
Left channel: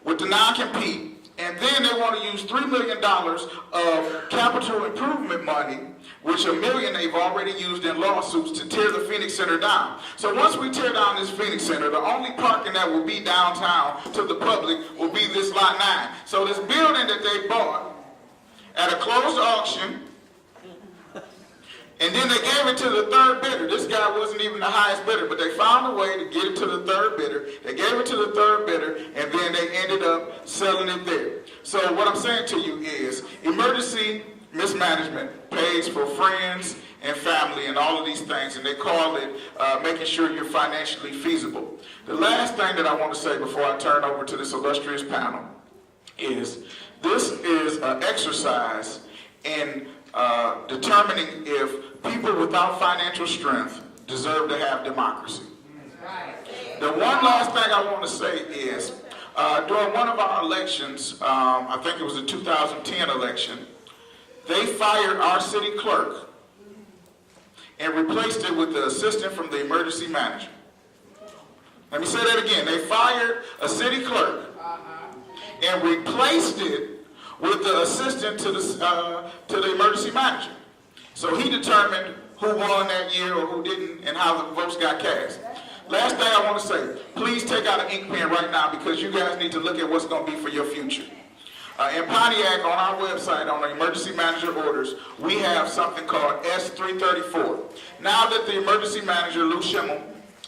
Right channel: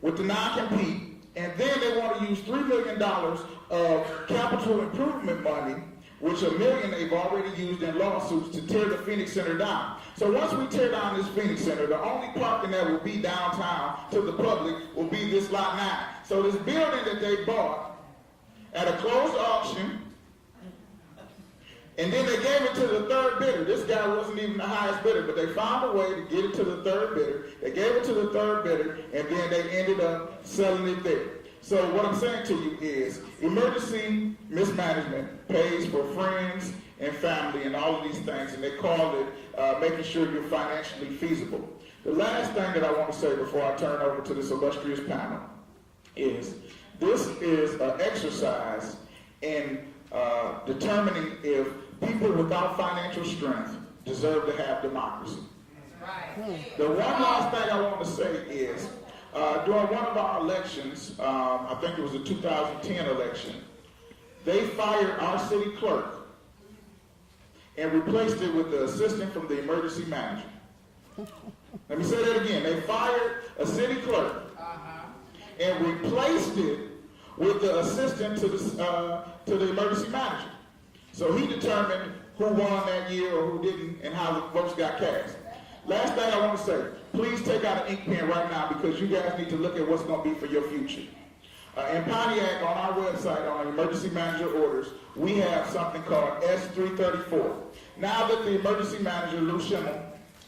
with the non-compete, and then they want to use $3 million of capital improvement money, which $1 million they've already used in lawsuits to tear the Phoenix Center down. So once we tear down this Phoenix Center, the only parking that will be downtown to the public will be this Lot 9. So this building that they bought at a closed auction, and then they gave it to the third bidder. This guy wasn't even the highest bidder, but they found a way to get it to the third bidder. They gave it to the third bidder, and then they ended up selling it there. So what I'm saying to you is emergency mismanagement pays for friends and family and all of these things, and they call it making sure you're financially feasible. The last thing that I want to say before I turn over to this illustrious panel is this is an exercise in determining if people without financial strength deserve to have democracy. Right. The one last thing I want to say is during one of our elections, I think it was the 2010 election, they fired our city clerk and replaced it with the assistant from the emergency manager. Let me say that again. They fired a city clerk and replaced it with the assistant to the emergency manager. So he determined who won that year or who didn't and how the votes got cast. Last thing I want to say, please take out an ink pen right now because you guys need to look at what's going to be for your future. In Pontiac, on our website, on the emergency manager orders, we have something called S334. Now that the emergency manager, Lou Schimmel,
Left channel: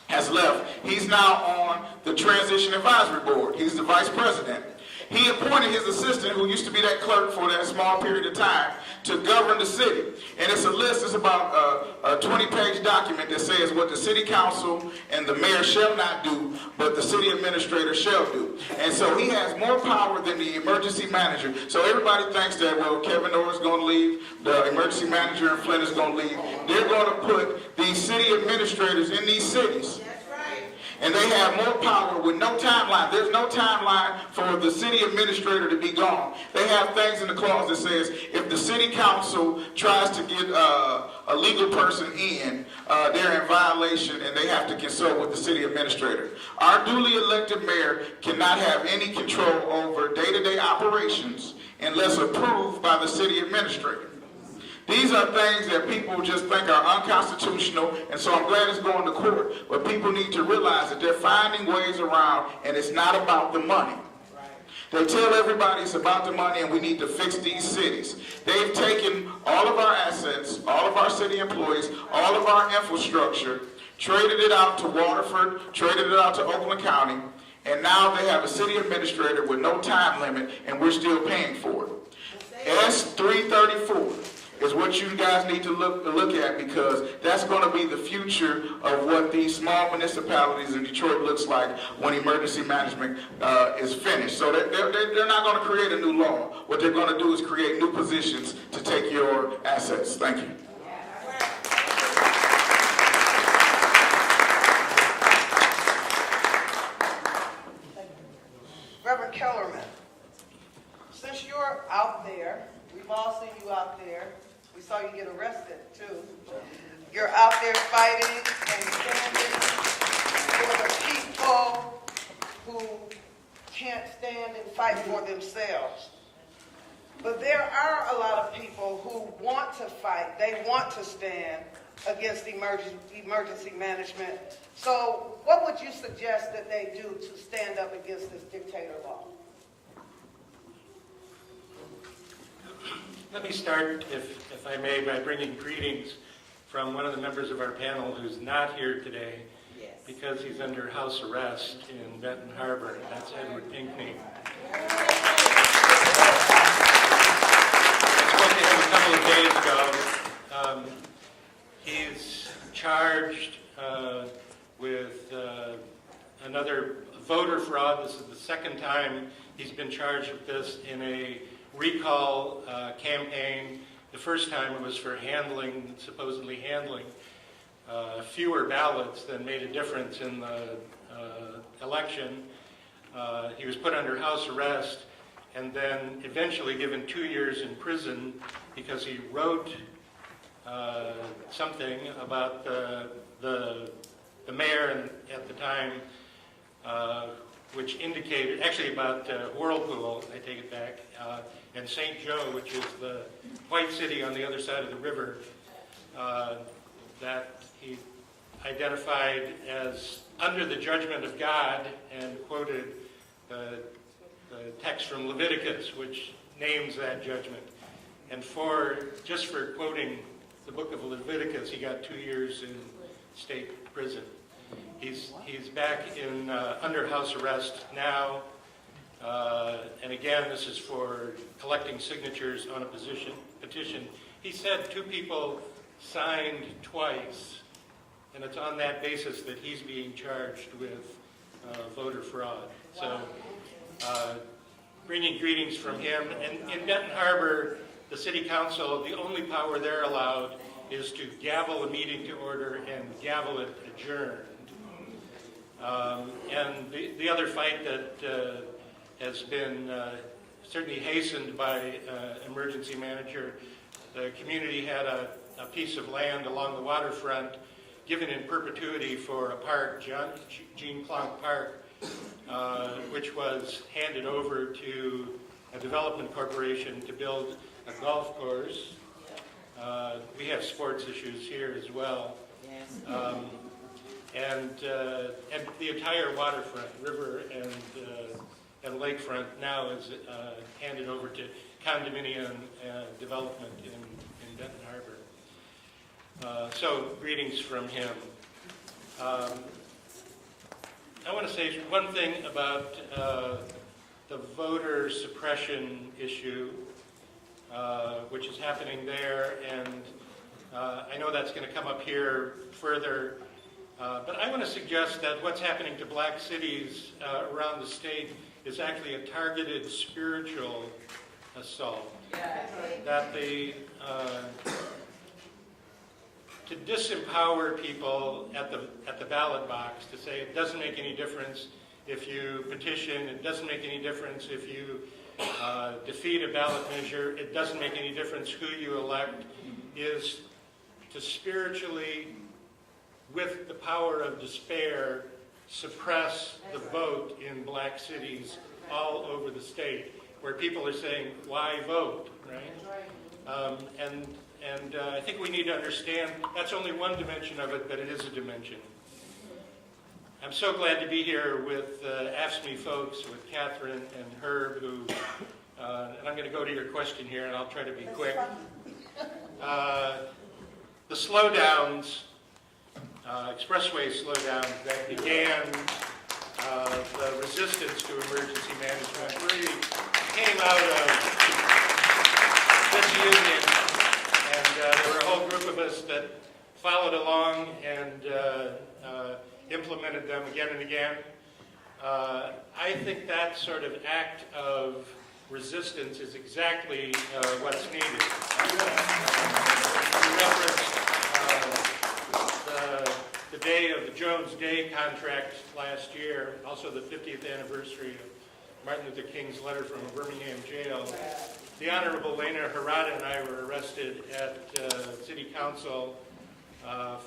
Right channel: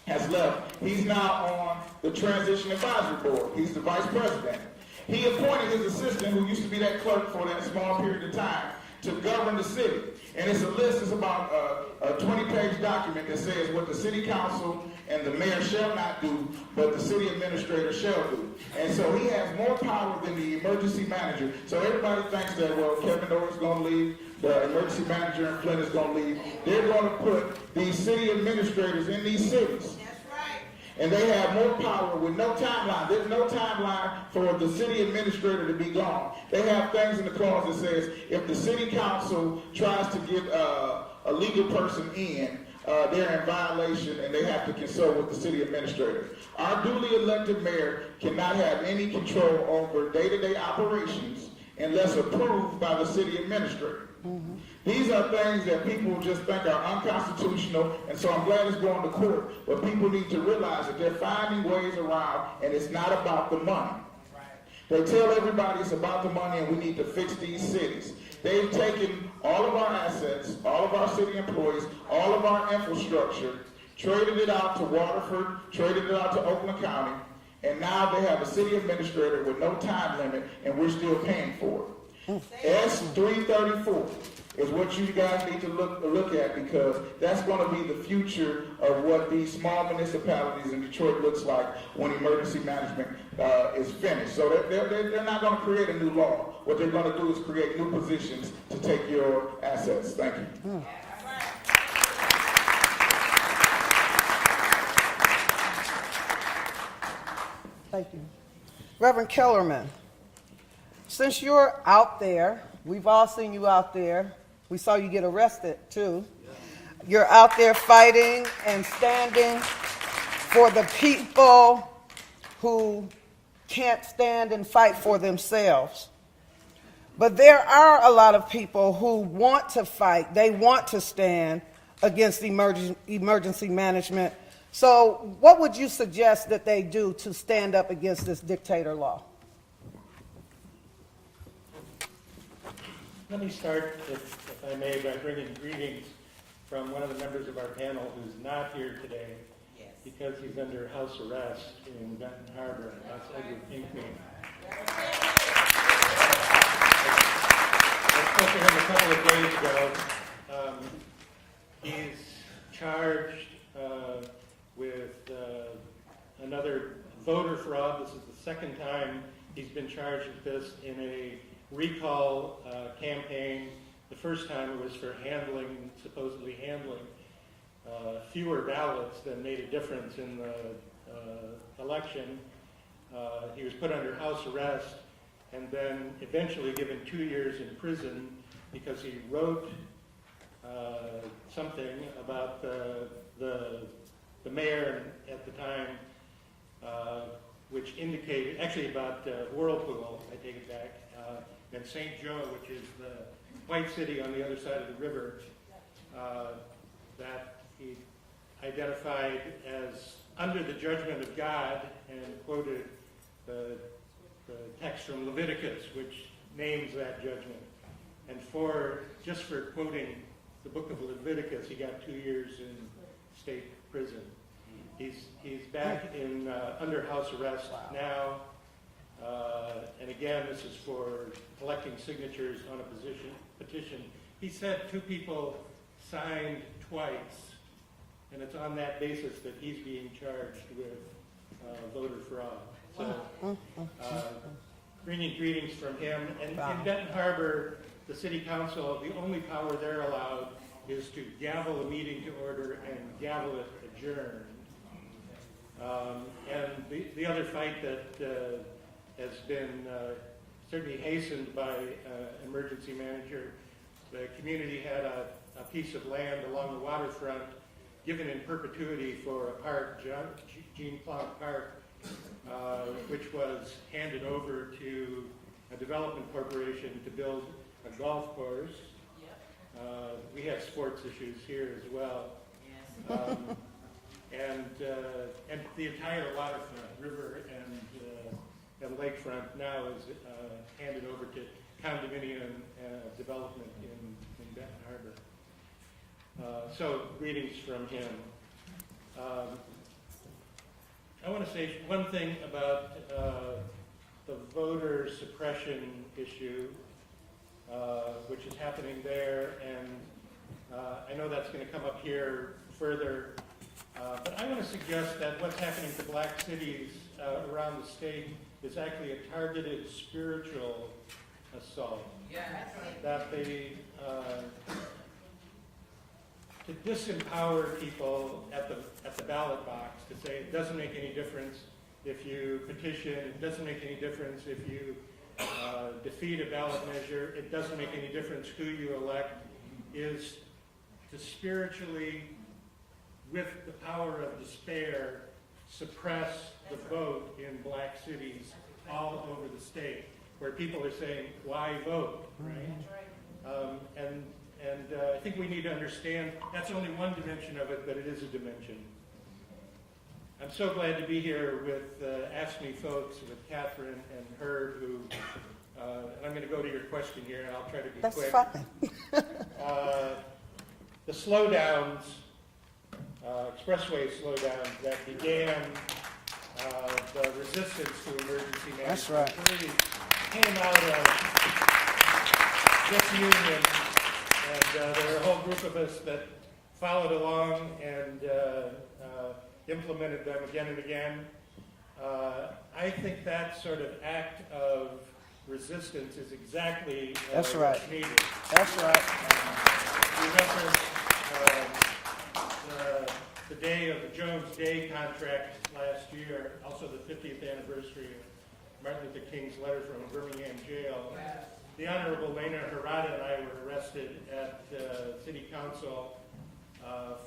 has left, he's now on the Transition Advisory Board. He's the vice president. He appointed his assistant, who used to be that clerk for that small period of time, to govern the city. And it's a list, it's about a 20-page document that says what the city council and the mayor shall not do, but the city administrator shall do. And so he has more power than the emergency manager. So everybody thinks that, well, Kevin Orr is going to leave, the emergency manager in Flint is going to leave. They're going to put these city administrators in these cities. And they have more power with no timeline. There's no timeline for the city administrator to be gone. They have things in the clause that says if the city council tries to get a legal person in, they're in violation and they have to consult with the city administrator. Our duly elected mayor cannot have any control over day-to-day operations unless approved by the city administrator. These are things that people just think are unconstitutional, and so I'm glad it's going to court. But people need to realize that they're finding ways around, and it's not about the money. They tell everybody it's about the money, and we need to fix these cities. They've taken all of our assets, all of our city employees, all of our infrastructure, traded it out to Waterford, traded it out to Oakland County, and now they have a city administrator with no time limit, and we're still paying for it. S334. Is what you guys need to look at, because that's going to be the future of what these small municipalities in Detroit looks like when emergency management is finished. So they're not going to create a new law. What they're going to do is create new positions to take your assets. Thank you. Thank you. Reverend Kellerman, since you're out there, we've all seen you out there. We saw you get arrested, too. You're out there fighting and standing for the people who can't stand and fight for themselves. But there are a lot of people who want to fight. They want to stand against emergency management. So what would you suggest that they do to stand up against this dictator law? Let me start, if I may, by bringing greetings from one of the members of our panel who's not here today because he's under house arrest in Benton Harbor, and that's Edward Pinkney. I spoke to him a couple of days ago. He's charged with another voter fraud. This is the second time he's been charged with this in a recall campaign. The first time it was for supposedly handling fewer ballots than made a difference in the election. He was put under house arrest and then eventually given 2 years in prison because he wrote something about the mayor at the time, which indicated, actually about Whirlpool, I take it back, and St. Joe, which is the white city on the other side of the river, that he identified as under the judgment of God, and quoted the text from Leviticus, which names that judgment. And just for quoting the book of Leviticus, he got 2 years in state prison. He's back in under house arrest now, and again, this is for collecting signatures on a petition. He said 2 people signed twice, and it's on that basis that he's being charged with voter fraud. So, bringing greetings from him. And in Benton Harbor, the city council, the only power they're allowed is to gavel a meeting to order and gavel it adjourned. And the other fight that has been certainly hastened by emergency manager, the community had a piece of land along the waterfront given in perpetuity for a park, Jean Clark Park, which was handed over to a development corporation to build a golf course. We have sports issues here as well. And the entire waterfront, river and lakefront now is handed over to condominium development in Benton Harbor. So greetings from him. I want to say one thing about the voter suppression issue, which is happening there, and I know that's going to come up here further, but I want to suggest that what's happening to black cities around the state is actually a targeted spiritual assault. That to disempower people at the ballot box, to say it doesn't make any difference if you petition, it doesn't make any difference if you defeat a ballot measure, it doesn't make any difference who you elect, is to spiritually, with the power of despair, suppress the vote in black cities all over the state, where people are saying, why vote, right? And I think we need to understand that's only one dimension of it, but it is a dimension. I'm so glad to be here with AFSCME folks, with Catherine and Herb, who, and I'm going to go to your question here, and I'll try to be quick. The slowdowns, expressway slowdowns that began the resistance to emergency management really came out of this union. And there were a whole group of us that followed along and implemented them again and again. I think that sort of act of resistance is exactly what's needed. That's right. You referenced the day of the Jones Day contract last year, also the 50th anniversary of Martin Luther King's letter from a Birmingham jail. The Honorable Lena Herbert and I were arrested at City Council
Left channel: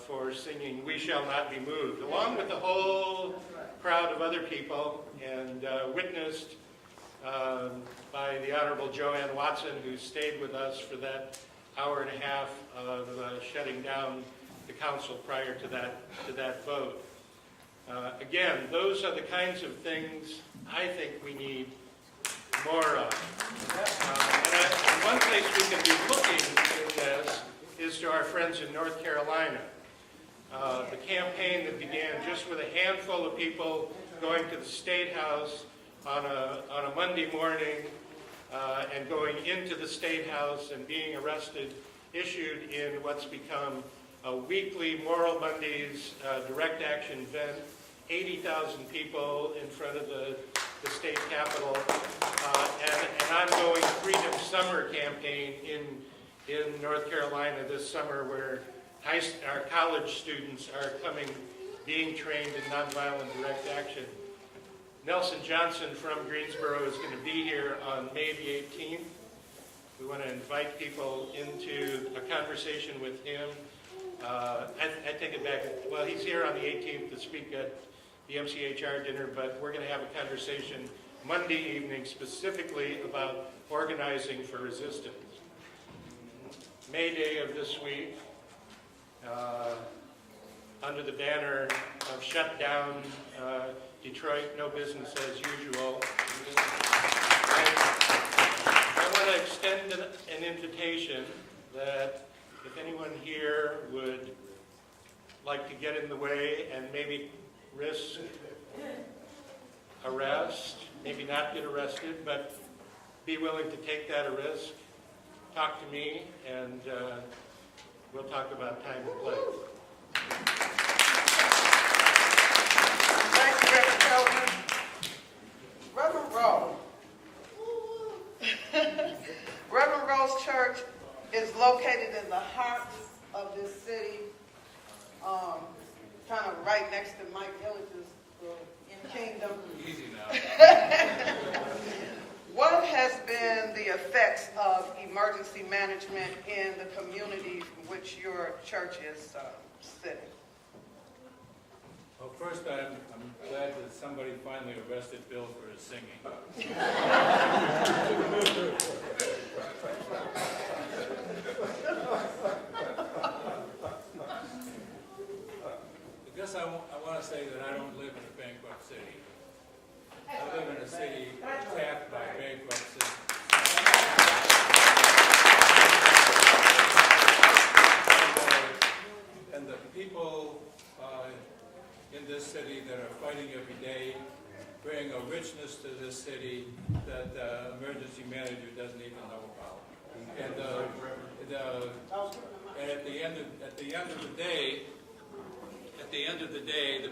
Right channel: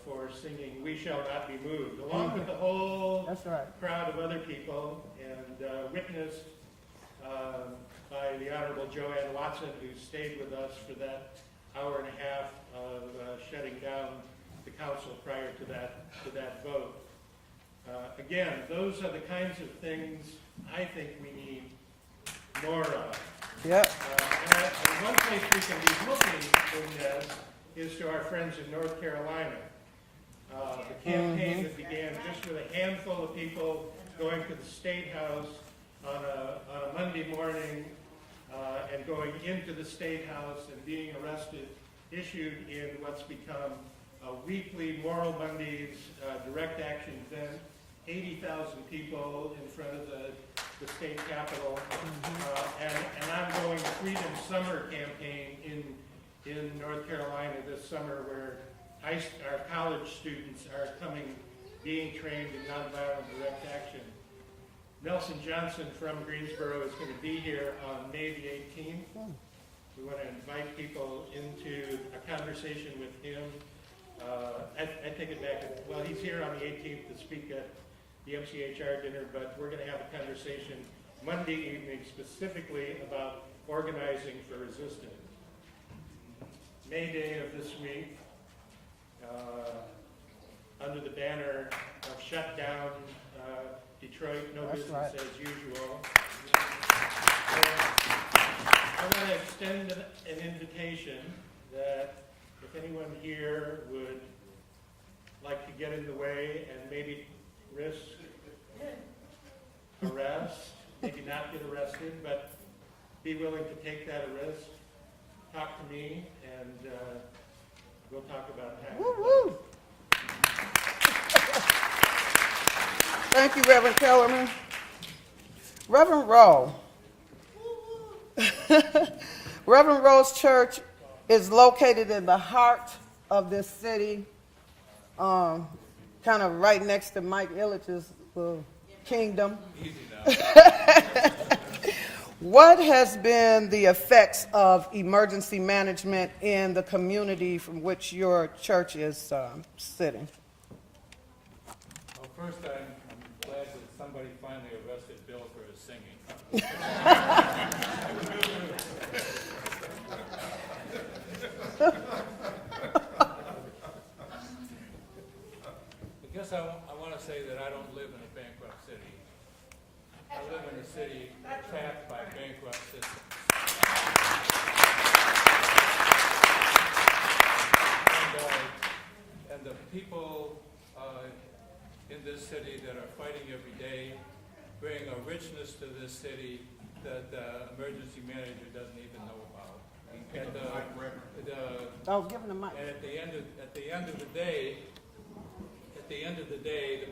for singing "We Shall Not Be Moved," along with the whole crowd of other people, and witnessed by the Honorable Joanne Watson, who stayed with us for that hour and a half of shutting down the council prior to that vote. Again, those are the kinds of things I think we need more of. Yep. And one place we can be looking in this is to our friends in North Carolina. The campaign that began just with a handful of people going to the State House on a Monday morning and going into the State House and being arrested, issued in what's become a weekly Moral Mondays direct action event. 80,000 people in front of the state capitol, and an ongoing Freedom Summer campaign in North Carolina this summer, where our college students are being trained in nonviolent direct action. Nelson Johnson from Greensboro is going to be here on May the 18th. We want to invite people into a conversation with him. I take it back. Well, he's here on the 18th to speak at the MCHR dinner, but we're going to have a conversation Monday evening specifically about organizing for resistance. May Day of this week, under the banner of shut down Detroit, no business as usual. I want to extend an invitation that if anyone here would like to get in the way and maybe risk arrest, maybe not get arrested, but be willing to take that risk, talk to me, and we'll talk about time and place. Thank you, Reverend Kellerman. Reverend Rowe. Reverend Rowe's church is located in the heart of this city, kind of right next to Mike Illich's kingdom. What has been the effects of emergency management in the community from which your church is sitting? Well, first, I'm glad that somebody finally arrested Bill for his singing. I guess I want to say that I don't live in a bankrupt city. I live in a city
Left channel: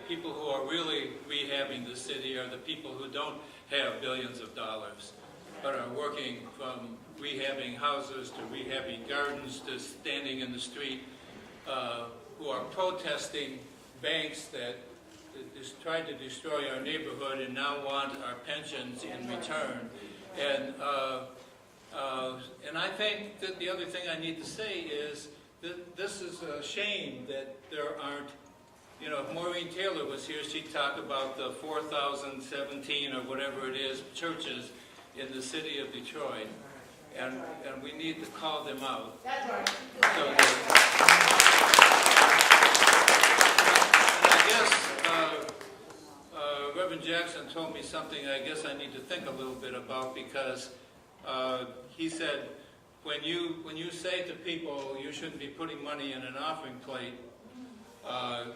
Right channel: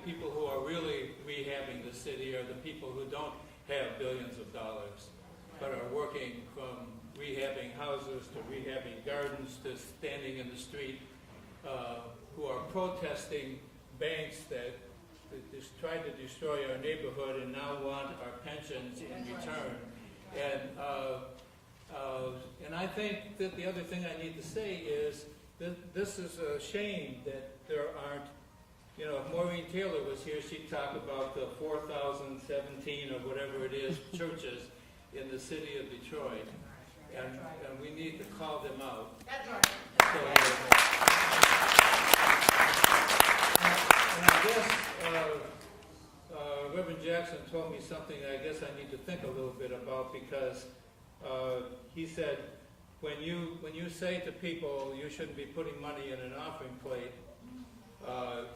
people who are really rehabbing the city are the people who don't have billions of dollars, but are working from rehabbing houses to rehabbing gardens to standing in the street, who are protesting banks that tried to destroy our neighborhood and now want our pensions in return. And I think that the other thing I need to say is that this is a shame that there aren't, if Maureen Taylor was here, she'd talk about the 4,017 or whatever it is churches in the city of Detroit, and we need to call them out. That's right. And I guess Reverend Jackson told me something I guess I need to think a little bit about, because he said, when you say to people you shouldn't be putting money in an offering plate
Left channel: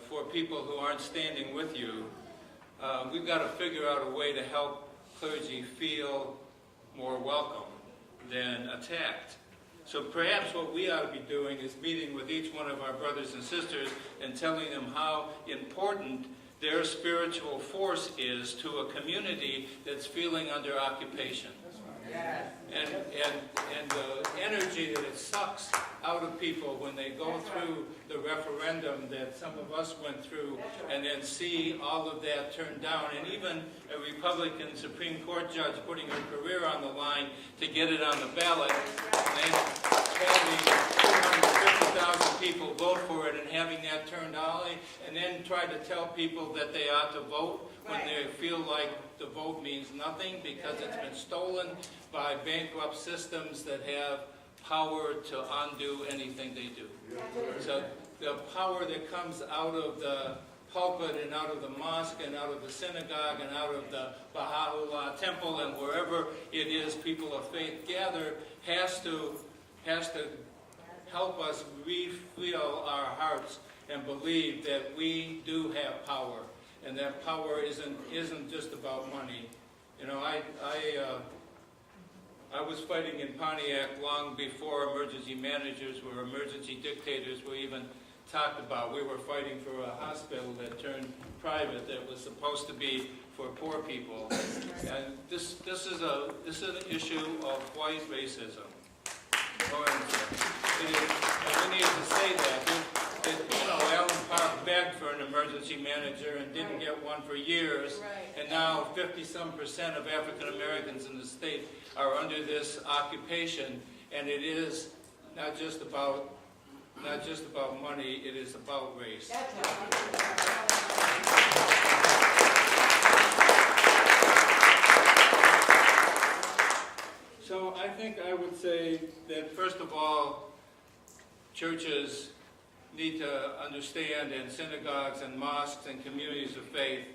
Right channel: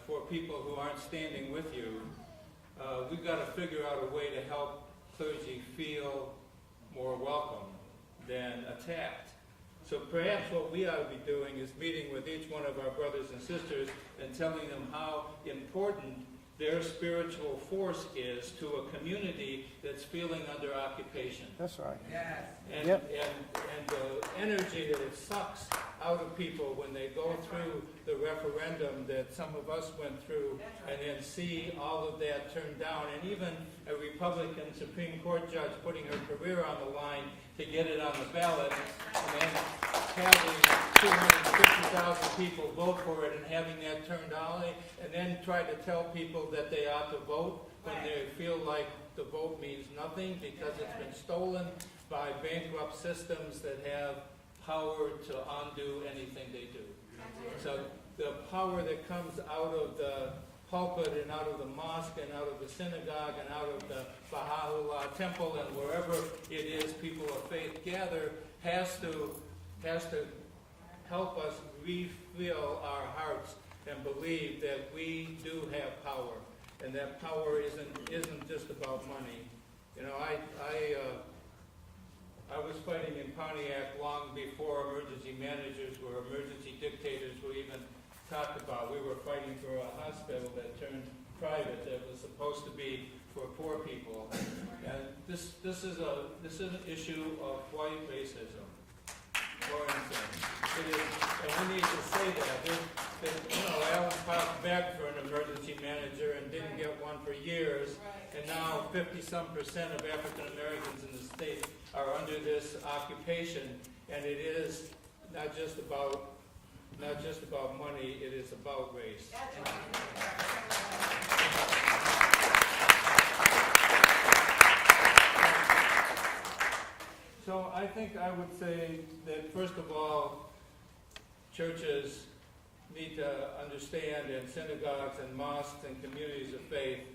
for people who aren't standing with you, we've got to figure out a way to help clergy feel more welcome than attacked. So perhaps what we ought to be doing is meeting with each one of our brothers and sisters and telling them how important their spiritual force is to a community that's feeling under occupation. That's right. Yes. And the energy that it sucks out of people when they go through the referendum that some of us went through, and then see all of that turned down, and even a Republican Supreme Court judge putting her career on the line to get it on the ballot, and having 250,000 people vote for it and having that turned down, and then try to tell people that they ought to vote when they feel like the vote means nothing because it's been stolen by bankrupt systems that have power to undo anything they do. So the power that comes out of the pulpit and out of the mosque and out of the synagogue and out of the Baha'u'llah temple and wherever it is people of faith gather has to help us refeel our hearts and believe that we do have power, and that power isn't just about money. I was fighting in Pontiac long before emergency managers were emergency dictators were even talked about. We were fighting for a hospital that turned private that was supposed to be for poor people. And this is an issue of white racism. It is, and we need to say that. Allen Park begged for an emergency manager and didn't get one for years, and now 50-some% of African Americans in the state are under this occupation, and it is not just about money, it is about race. So I think I would say that first of all, churches need to understand, and synagogues and mosques and communities of faith,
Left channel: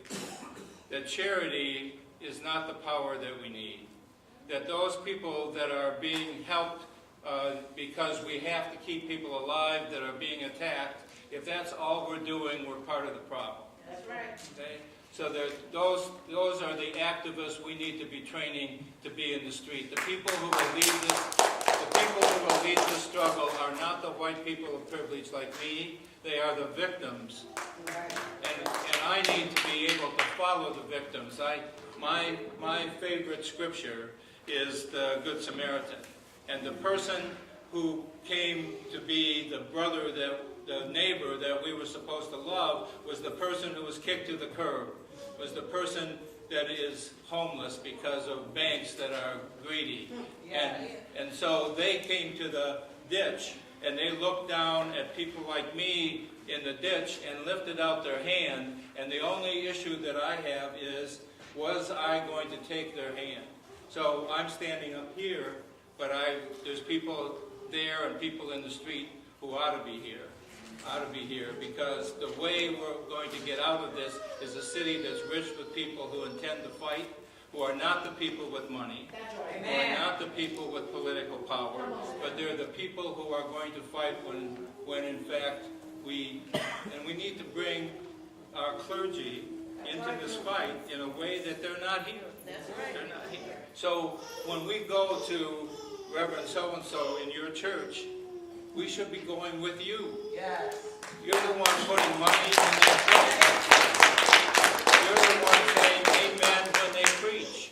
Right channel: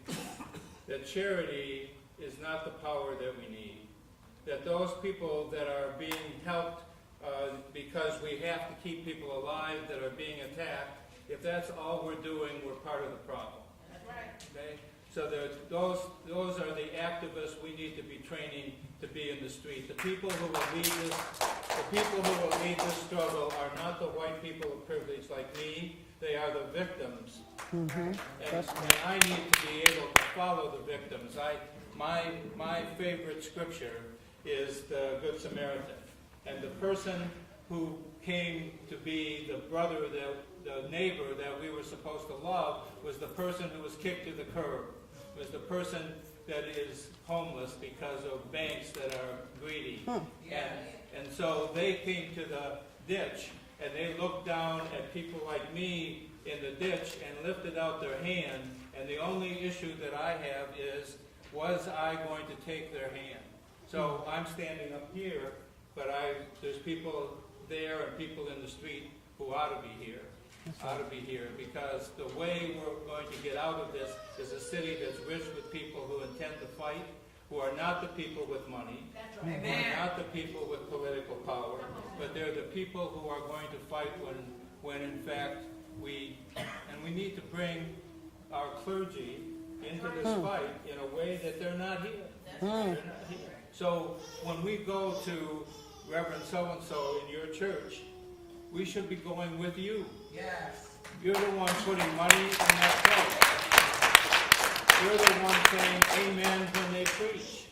that charity is not the power that we need. That those people that are being helped because we have to keep people alive that are being attacked, if that's all we're doing, we're part of the problem. That's right. Okay? So that those are the activists we need to be training to be in the street. The people who will lead this struggle are not the white people of privilege like me. They are the victims. Mm-hmm. And I need to be able to follow the victims. My favorite scripture is the Good Samaritan. And the person who came to be the neighbor that we were supposed to love was the person who was kicked to the curb, was the person that is homeless because of banks that are greedy. And so they came to the ditch, and they looked down at people like me in the ditch and lifted out their hand, and the only issue that I have is, was I going to take their hand? So I'm standing up here, but there's people there and people in the street who ought to be here. Because the way we're going to get out of this is a city that's rich with people who intend to fight, who are not the people with money, who are not the people with political power, but they're the people who are going to fight when in fact we need to bring our clergy into this fight in a way that they're not here. They're not here. So when we go to Reverend so-and-so in your church, we should be going with you. Yes. You're the one putting money in that place. You're the one saying amen when they preach.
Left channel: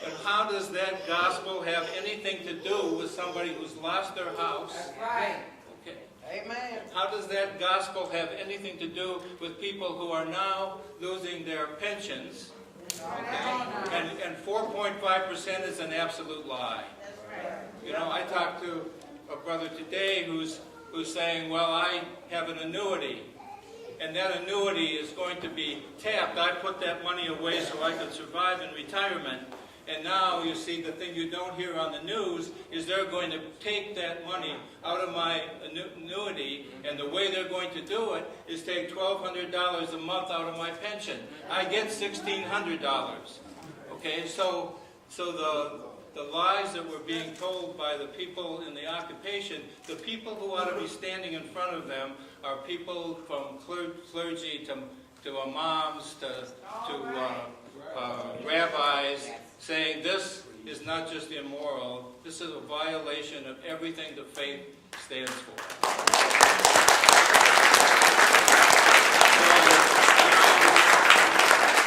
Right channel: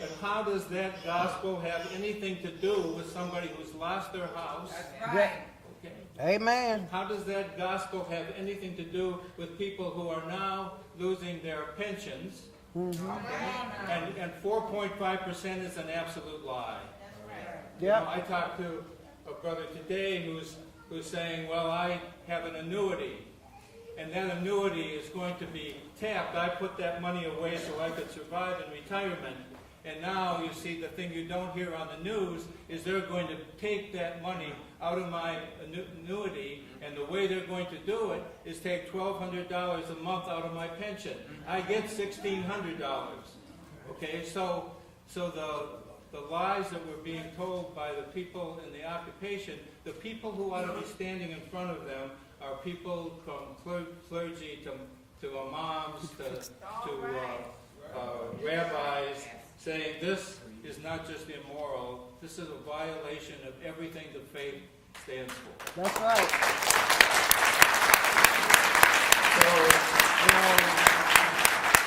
But how does that gospel have anything to do with somebody who's lost their house? That's right. Okay. Amen. How does that gospel have anything to do with people who are now losing their pensions? Mm-hmm. And 4.5% is an absolute lie. That's right. You know, I talked to a brother today who's saying, well, I have an annuity, and that annuity is going to be tapped. I put that money away so I could survive in retirement. And now, you see, the thing you don't hear on the news is they're going to take that money out of my annuity, and the way they're going to do it is take $1,200 a month out of my pension. I get $1,600. Okay, so the lies that were being told by the people in the occupation, the people who ought to be standing in front of them are people from clergy to imams to rabbis, saying this is not just immoral, this is a violation of everything the faith stands for. That's right. So,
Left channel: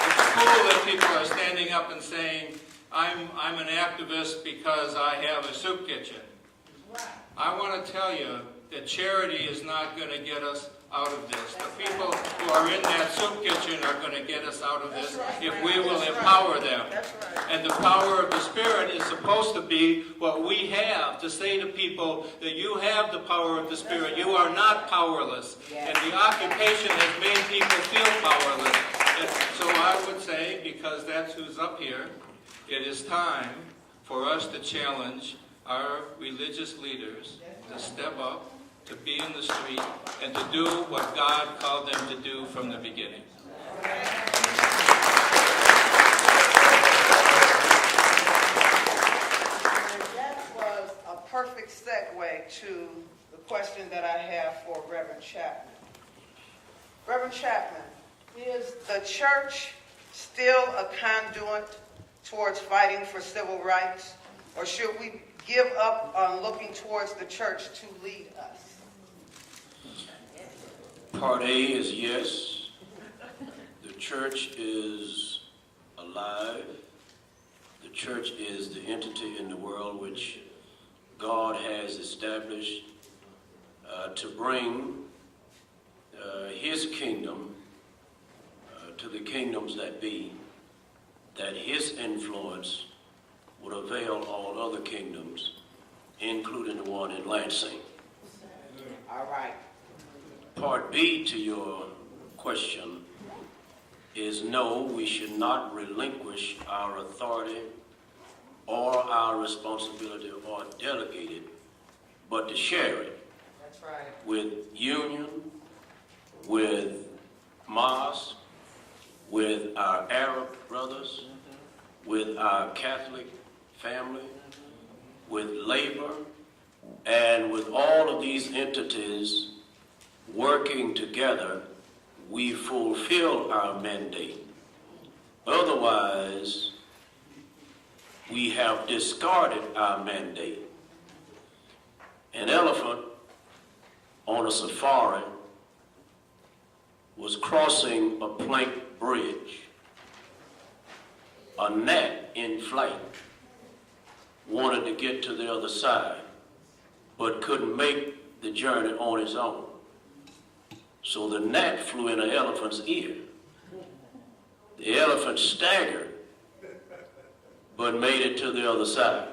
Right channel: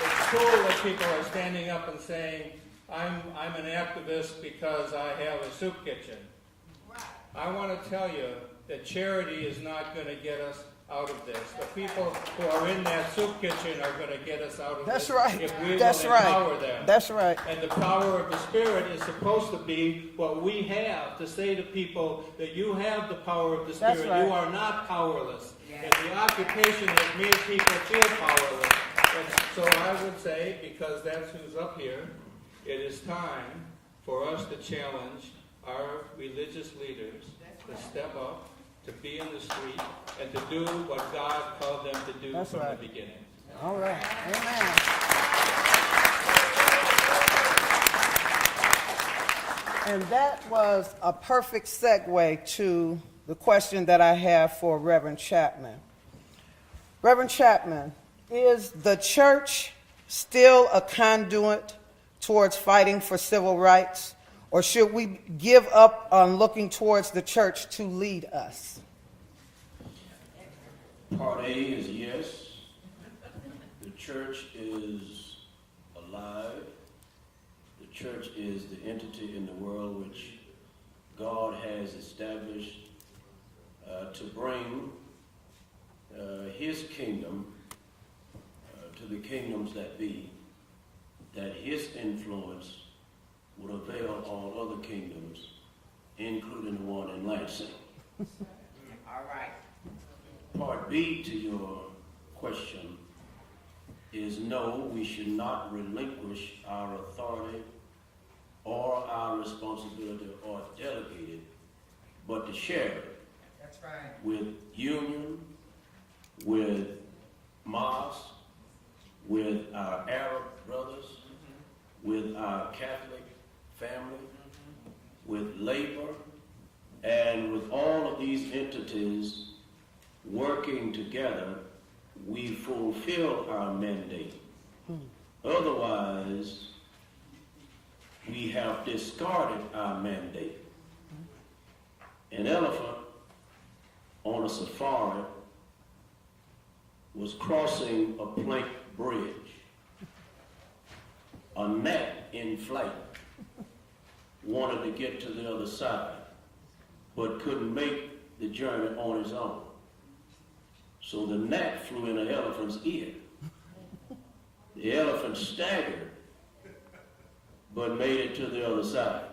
it's cool that people are standing up and saying, I'm an activist because I have a soup kitchen. I want to tell you that charity is not going to get us out of this. The people who are in that soup kitchen are going to get us out of That's this right. if we That's will right. empower them. That's right. And the power of the Spirit is supposed to be what we have to say to people that you have the power of the Spirit. right. You are not powerless. And the occupation has made people feel powerless. And so I would say, because that's who's up here, it is time for us to challenge our religious leaders to step up, to be in the street, and to do what God called them to do from the beginning. All right. And that was a perfect segue to the question that I have for Reverend Chapman. Reverend Chapman, is the church still a conduit towards fighting for civil rights, or should we give up on looking towards the church to lead us? Part A is yes. The church is alive. The church is the entity in the world which God has established to bring his kingdom to the kingdoms that be, that his influence would avail all other kingdoms, including the one in Lansing. All right. Part B to your question is no, we should not relinquish our authority or our responsibility or delegate it, but to share it. That's right. With union, with mosque, with our Arab brothers, with our Catholic family, with labor, and with all of these entities working together, we fulfill our mandate. Otherwise, we have discarded our mandate. An elephant on a safari was crossing a plank bridge. A gnat in flight wanted to get to the other side, but couldn't make the journey on his own. So the gnat flew in the elephant's ear. The elephant staggered, but made it to the other side.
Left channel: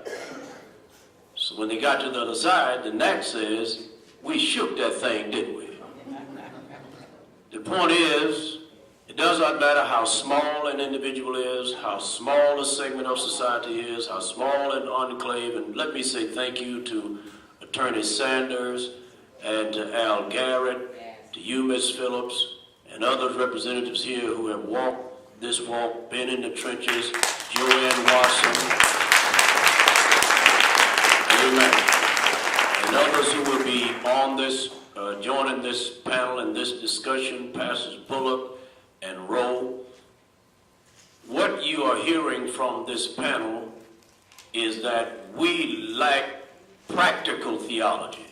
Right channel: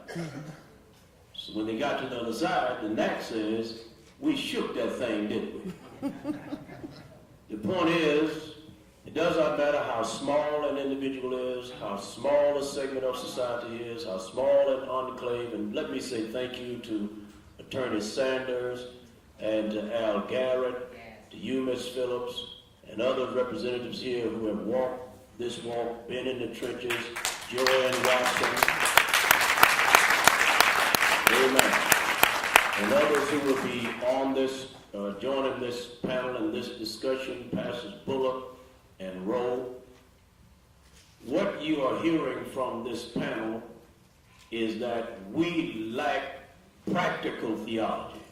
So when they got to the other side, the gnat says, we shook that thing, didn't we? The point is, it does not matter how small an individual is, how small a segment of society is, how small an enclave, and let me say thank you to Attorney Sanders and to Al Garrett, to you, Ms. Phillips, and other representatives here who have walked this walk, been in the trenches, Joanne Watson, amen, and others who will be on this, joining this panel and this discussion, Pastors Bullock and Rowe. What you are hearing from this panel is that we lack practical theology.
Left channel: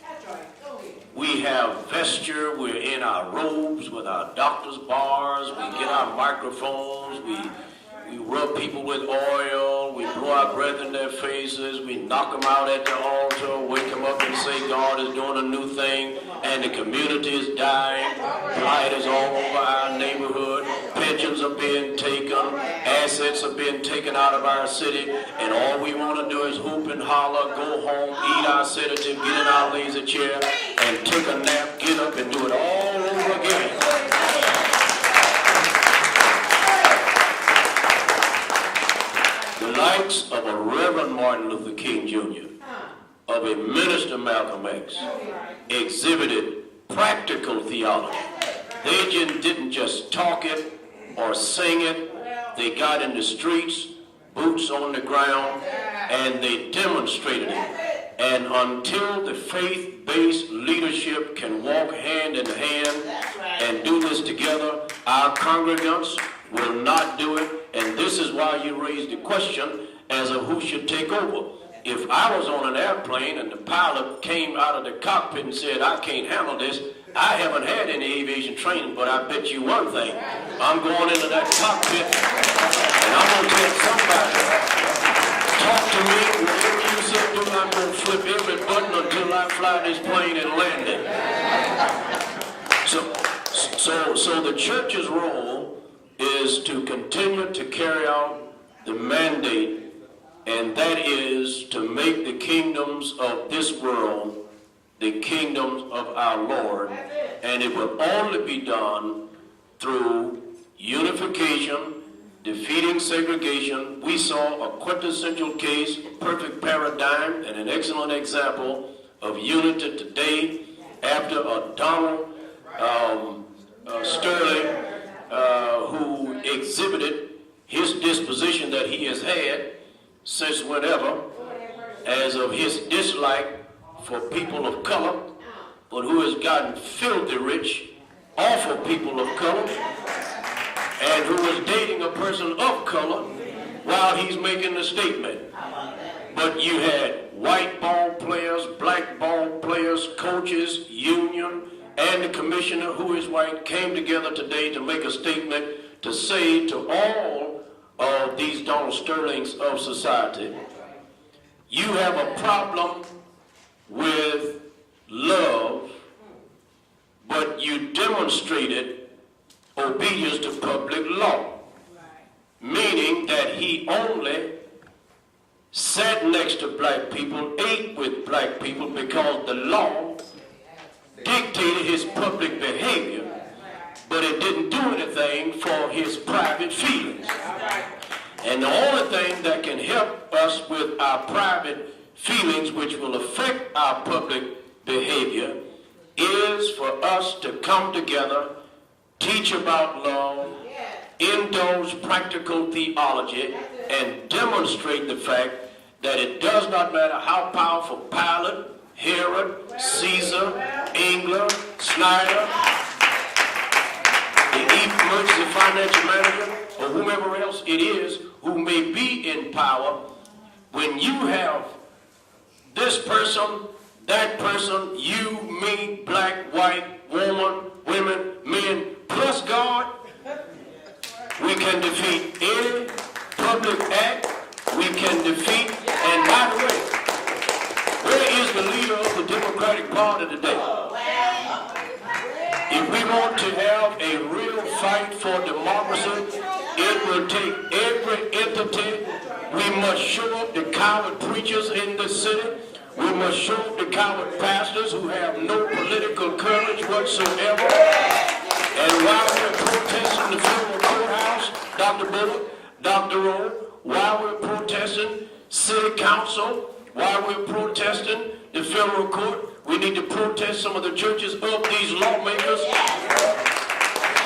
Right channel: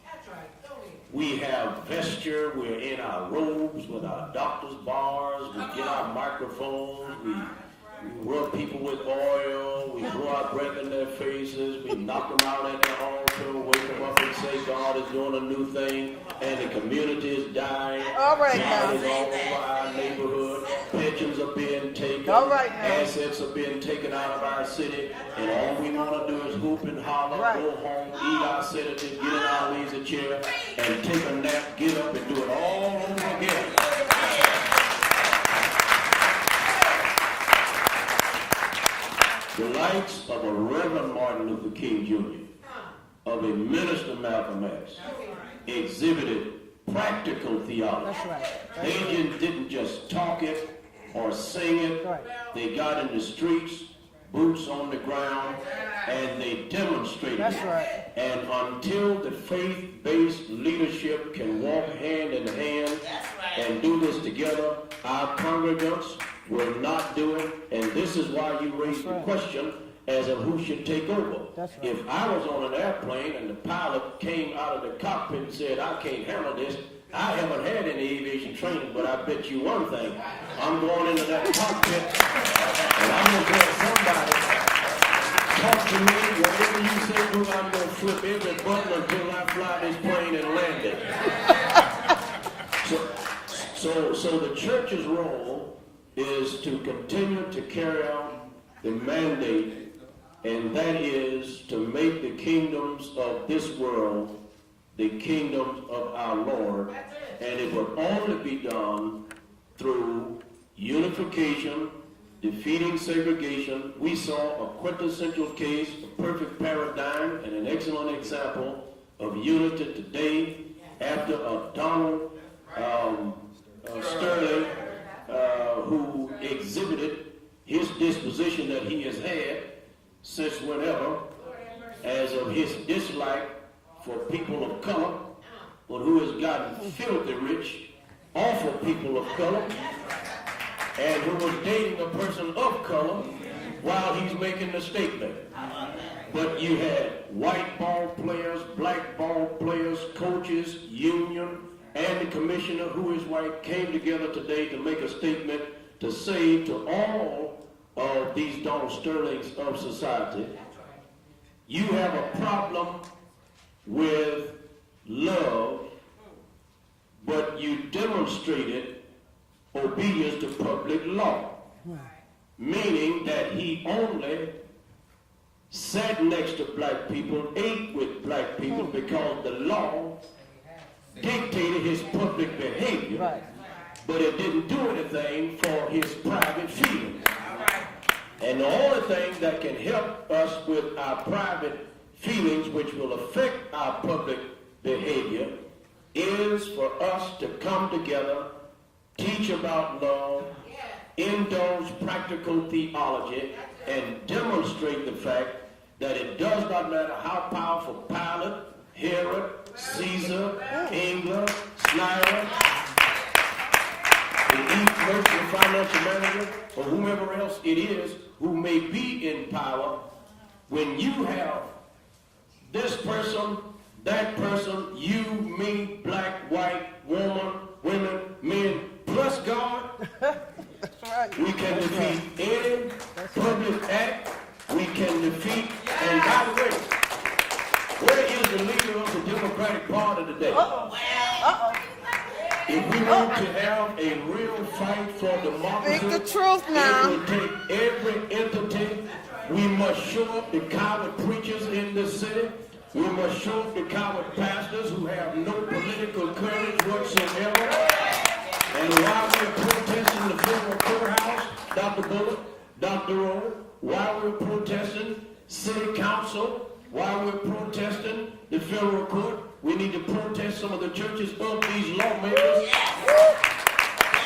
We have vesture, we're in our robes with our doctor's bars, we get our microphones, we rub people with oil, we blow our breath in their faces, we knock them out at the altar, wake them up and say God is doing a new thing, and the community is dying. Light is all over our neighborhood, pensions are being taken, assets are being taken out of our city, and all we want to do is hoop and holler, go home, eat our sedative, get in our lazy chair, and take a nap, get up and do it all over again. The likes of a Reverend Martin Luther King Jr., of a Minister Malcolm X, exhibited practical theology. They didn't just talk it or sing it. They got in the streets, boots on the ground, and they demonstrated it. And until the faith-based leadership can walk hand in hand and do this together, our congregants will not do it. And this is why you raised the question as of who should take over. If I was on an airplane and the pilot came out of the cockpit and said, I can't handle this, I haven't had any aviation training, but I bet you one thing, I'm going into that cockpit and I'm going to tell somebody, talk to me, whatever you say, do, I'm going to flip every button until I fly this plane and land it. So the church's role is to continue to carry out the mandate, and that is to make the kingdoms of this world the kingdoms of our Lord, and it will only be done through unification, defeating segregation. We saw a quintessential case, a perfect paradigm, and an excellent example of unity today after Donald Sterling, who exhibited his disposition that he has had since whenever, as of his dislike for people of color, but who has gotten filthy rich off of people of color, and who is dating a person of color while he's making the statement. But you had white ball players, black ball players, coaches, union, and the commissioner, who is white, came together today to make a statement to say to all of these Donald Sterlings of society, you have a problem with love, but you demonstrated obedience to public law, meaning that he only sat next to black people, ate with black people because the law dictated his public behavior, but it didn't do anything for his private feelings. And the only thing that can help us with our private feelings, which will affect our public behavior, is for us to come together, teach about love, indulge practical theology, and demonstrate the fact that it does not matter how powerful Pilate, Herod, Caesar, England, Snyder, the emergency financial manager, or whomever else it is who may be in power, when you have this person, that person, you, me, black, white, woman, women, men, plus God, we can defeat any public act, we can defeat, and by the way, where is the leader of the Democratic Party today? If we want to have a real fight for democracy, it will take every entity. We must show up the coward preachers in the city. We must show up the coward pastors who have no political courage whatsoever. And while we're protesting the federal courthouse, Dr. Bullock, Dr. Rowe, while we're protesting city council, while we're protesting the federal court, we need to protest some of the churches of these lawmakers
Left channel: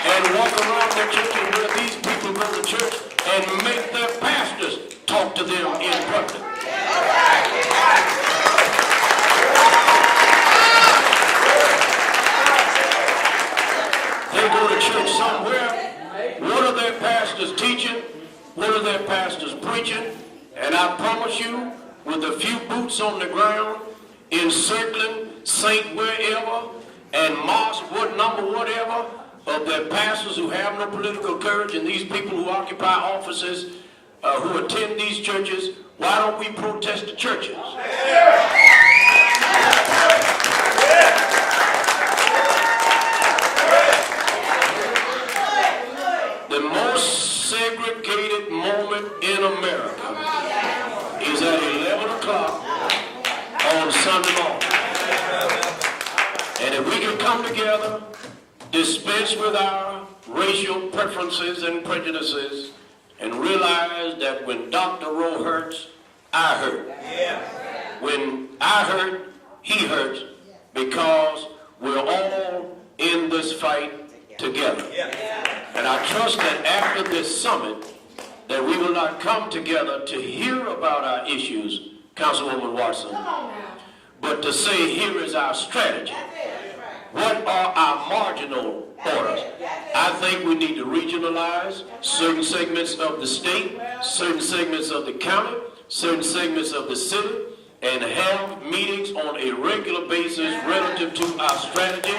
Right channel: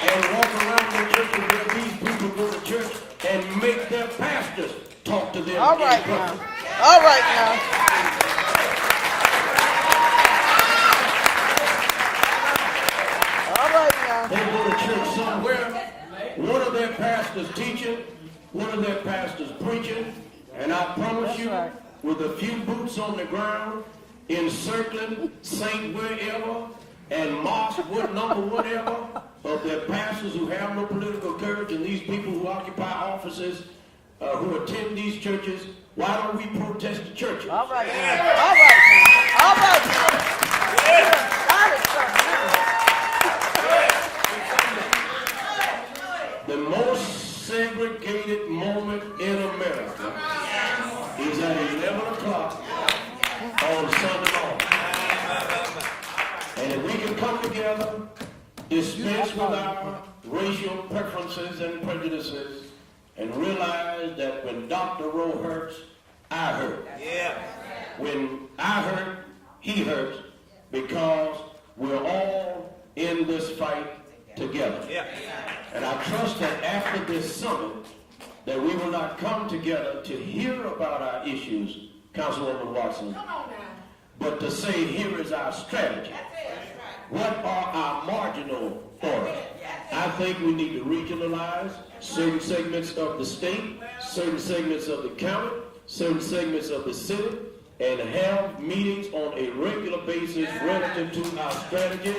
and walk around the churches where these people go to church and make their pastors talk to them in public. All right, guys. They go to church somewhere. What are their pastors teaching? What are their pastors preaching? And I promise you, with a few boots on the ground, encircling Saint wherever, and march what number, whatever, of their pastors who have no political courage and these people who occupy offices, who attend these churches, why don't we protest the churches? All right. All right. The most segregated moment in America is at 11 o'clock on Sunday morning. And if we can come together, dispense with our racial preferences and prejudices, and realize that when Dr. Rowe hurts, I hurt. When I hurt, he hurts, because we're all in this fight together. And I trust that after this summit, that we will not come together to hear about our issues, Councilwoman Watson, but to say, here is our strategy. What are our marginal orders? I think we need to regionalize certain segments of the state, certain segments of the county, certain segments of the city, and have meetings on a regular basis relative to our strategy,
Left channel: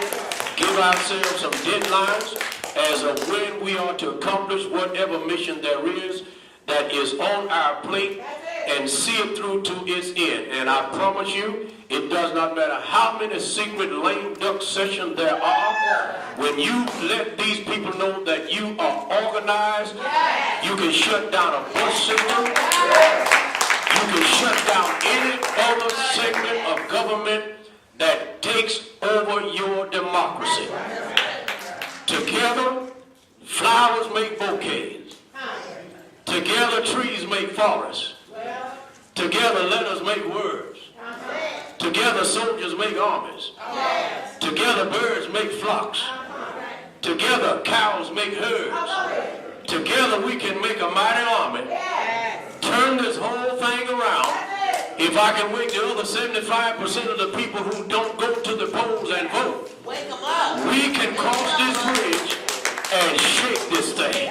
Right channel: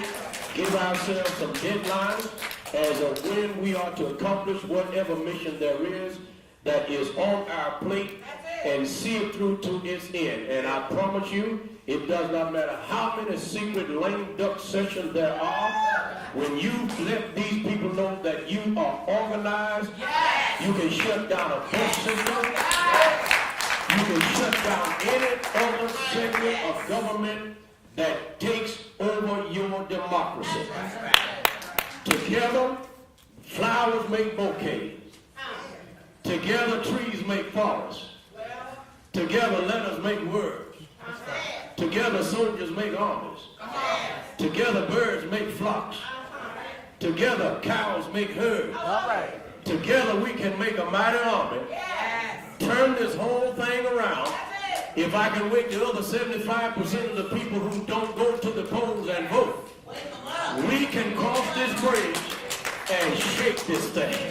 give ourselves some deadlines as of when we are to accomplish whatever mission there is that is on our plate, and see it through to its end. And I promise you, it does not matter how many secret lame duck sessions there are, when you let these people know that you are organized, you can shut down a bus system, you can shut down any other segment of government that takes over your democracy. Together, flowers make bouquets. Together, trees make forests. Together, letters make words. Together, soldiers make armies. Together, birds make flocks. Together, cows make herds. Together, we can make a mighty army. Turn this whole thing around. If I can wake the other 75% of the people who don't go to the polls and vote, we can cross this bridge and shake this thing.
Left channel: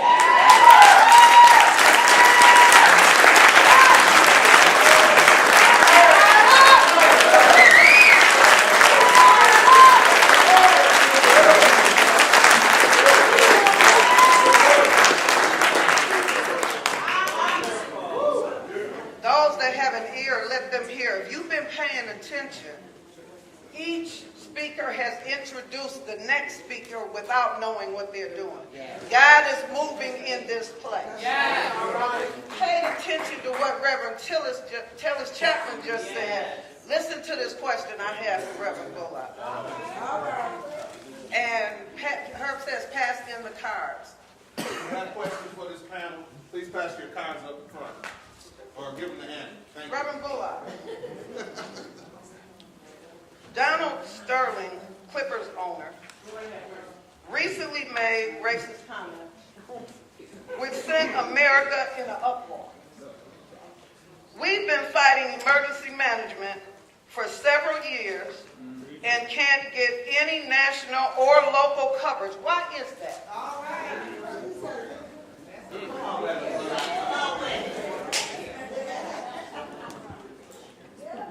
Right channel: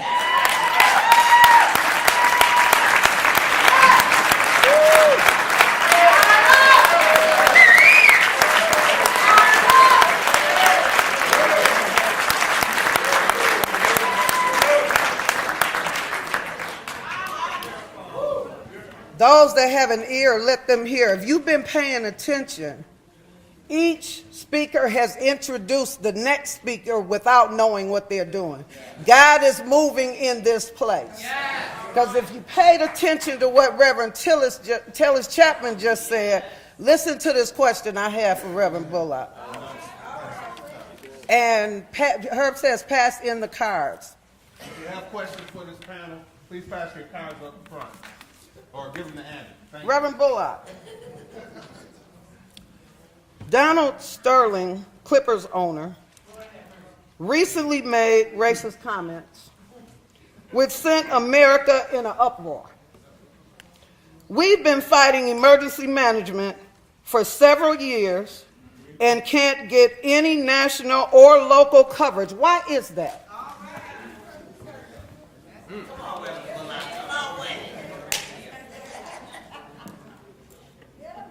Those that have an ear, let them hear. If you've been paying attention, each speaker has introduced the next speaker without knowing what they're doing. God is moving in this place. Because if you paid attention to what Reverend Tellis Chapman just said, listen to this question I have for Reverend Bullock. And Herb says, pass in the cards. If you have questions for this panel, please pass your cards up front. Or give them the hand. Thank you. Reverend Bullock. Donald Sterling, Clippers owner, recently made racist comments which sent America in an uproar. We've been fighting emergency management for several years and can't get any national or local coverage. Why is that?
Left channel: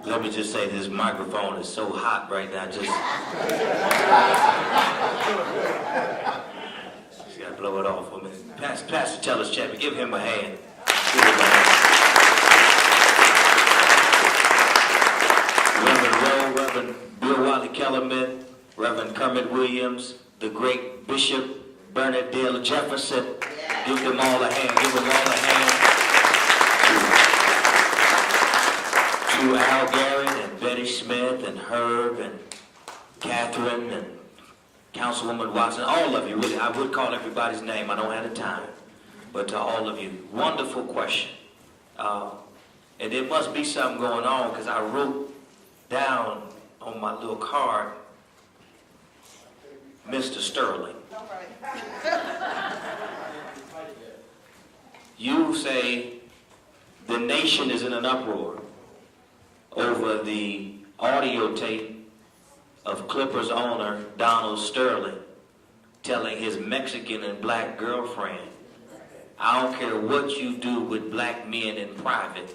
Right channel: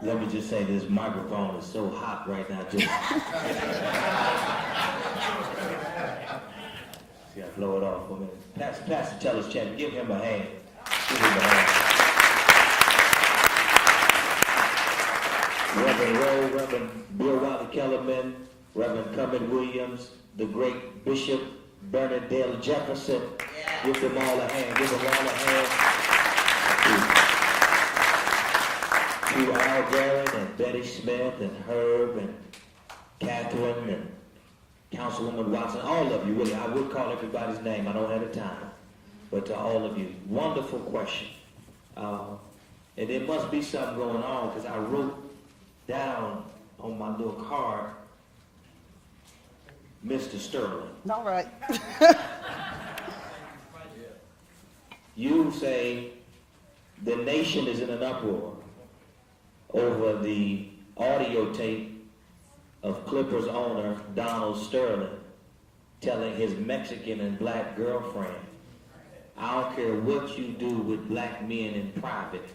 Let me just say, this microphone is so hot right now. Just gotta blow it off for a minute. Pastor Tellis Chapman, give him a hand. Reverend Rowe, Reverend Bill Wylie-Kellermann, Reverend Kermit Williams, the great Bishop Bernade Jefferson. Give them all a hand. Give them all a hand. To Al Garrett and Betty Smith and Herb and Catherine and Councilwoman Watson, all of you. I would call everybody's name. I don't have the time. But to all of you, wonderful question. And there must be something going on, because I wrote down on my little card, Mr. Sterling. All right. You say the nation is in an uproar over the audio tape of Clippers owner Donald Sterling telling his Mexican and black girlfriend, I don't care what you do with black men in private,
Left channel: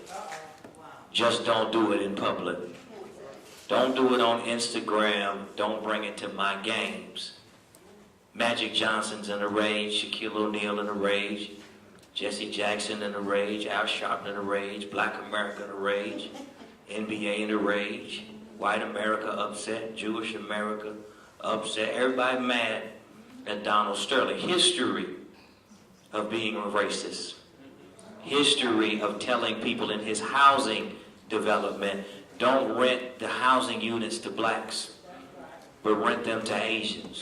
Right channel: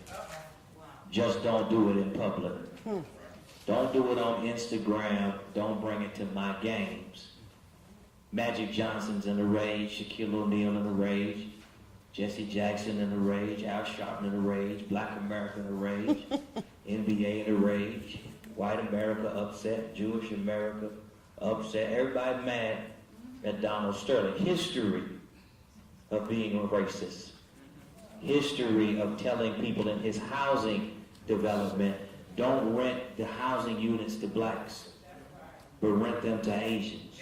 just don't do it in public. Don't do it on Instagram. Don't bring it to my games. Magic Johnson's in a rage. Shaquille O'Neal in a rage. Jesse Jackson in a rage. Al Sharpton in a rage. Black America in a rage. NBA in a rage. White America upset. Jewish America upset. Everybody mad at Donald Sterling. History of being a racist. History of telling people in his housing development, don't rent the housing units to blacks, but rent them to Asians.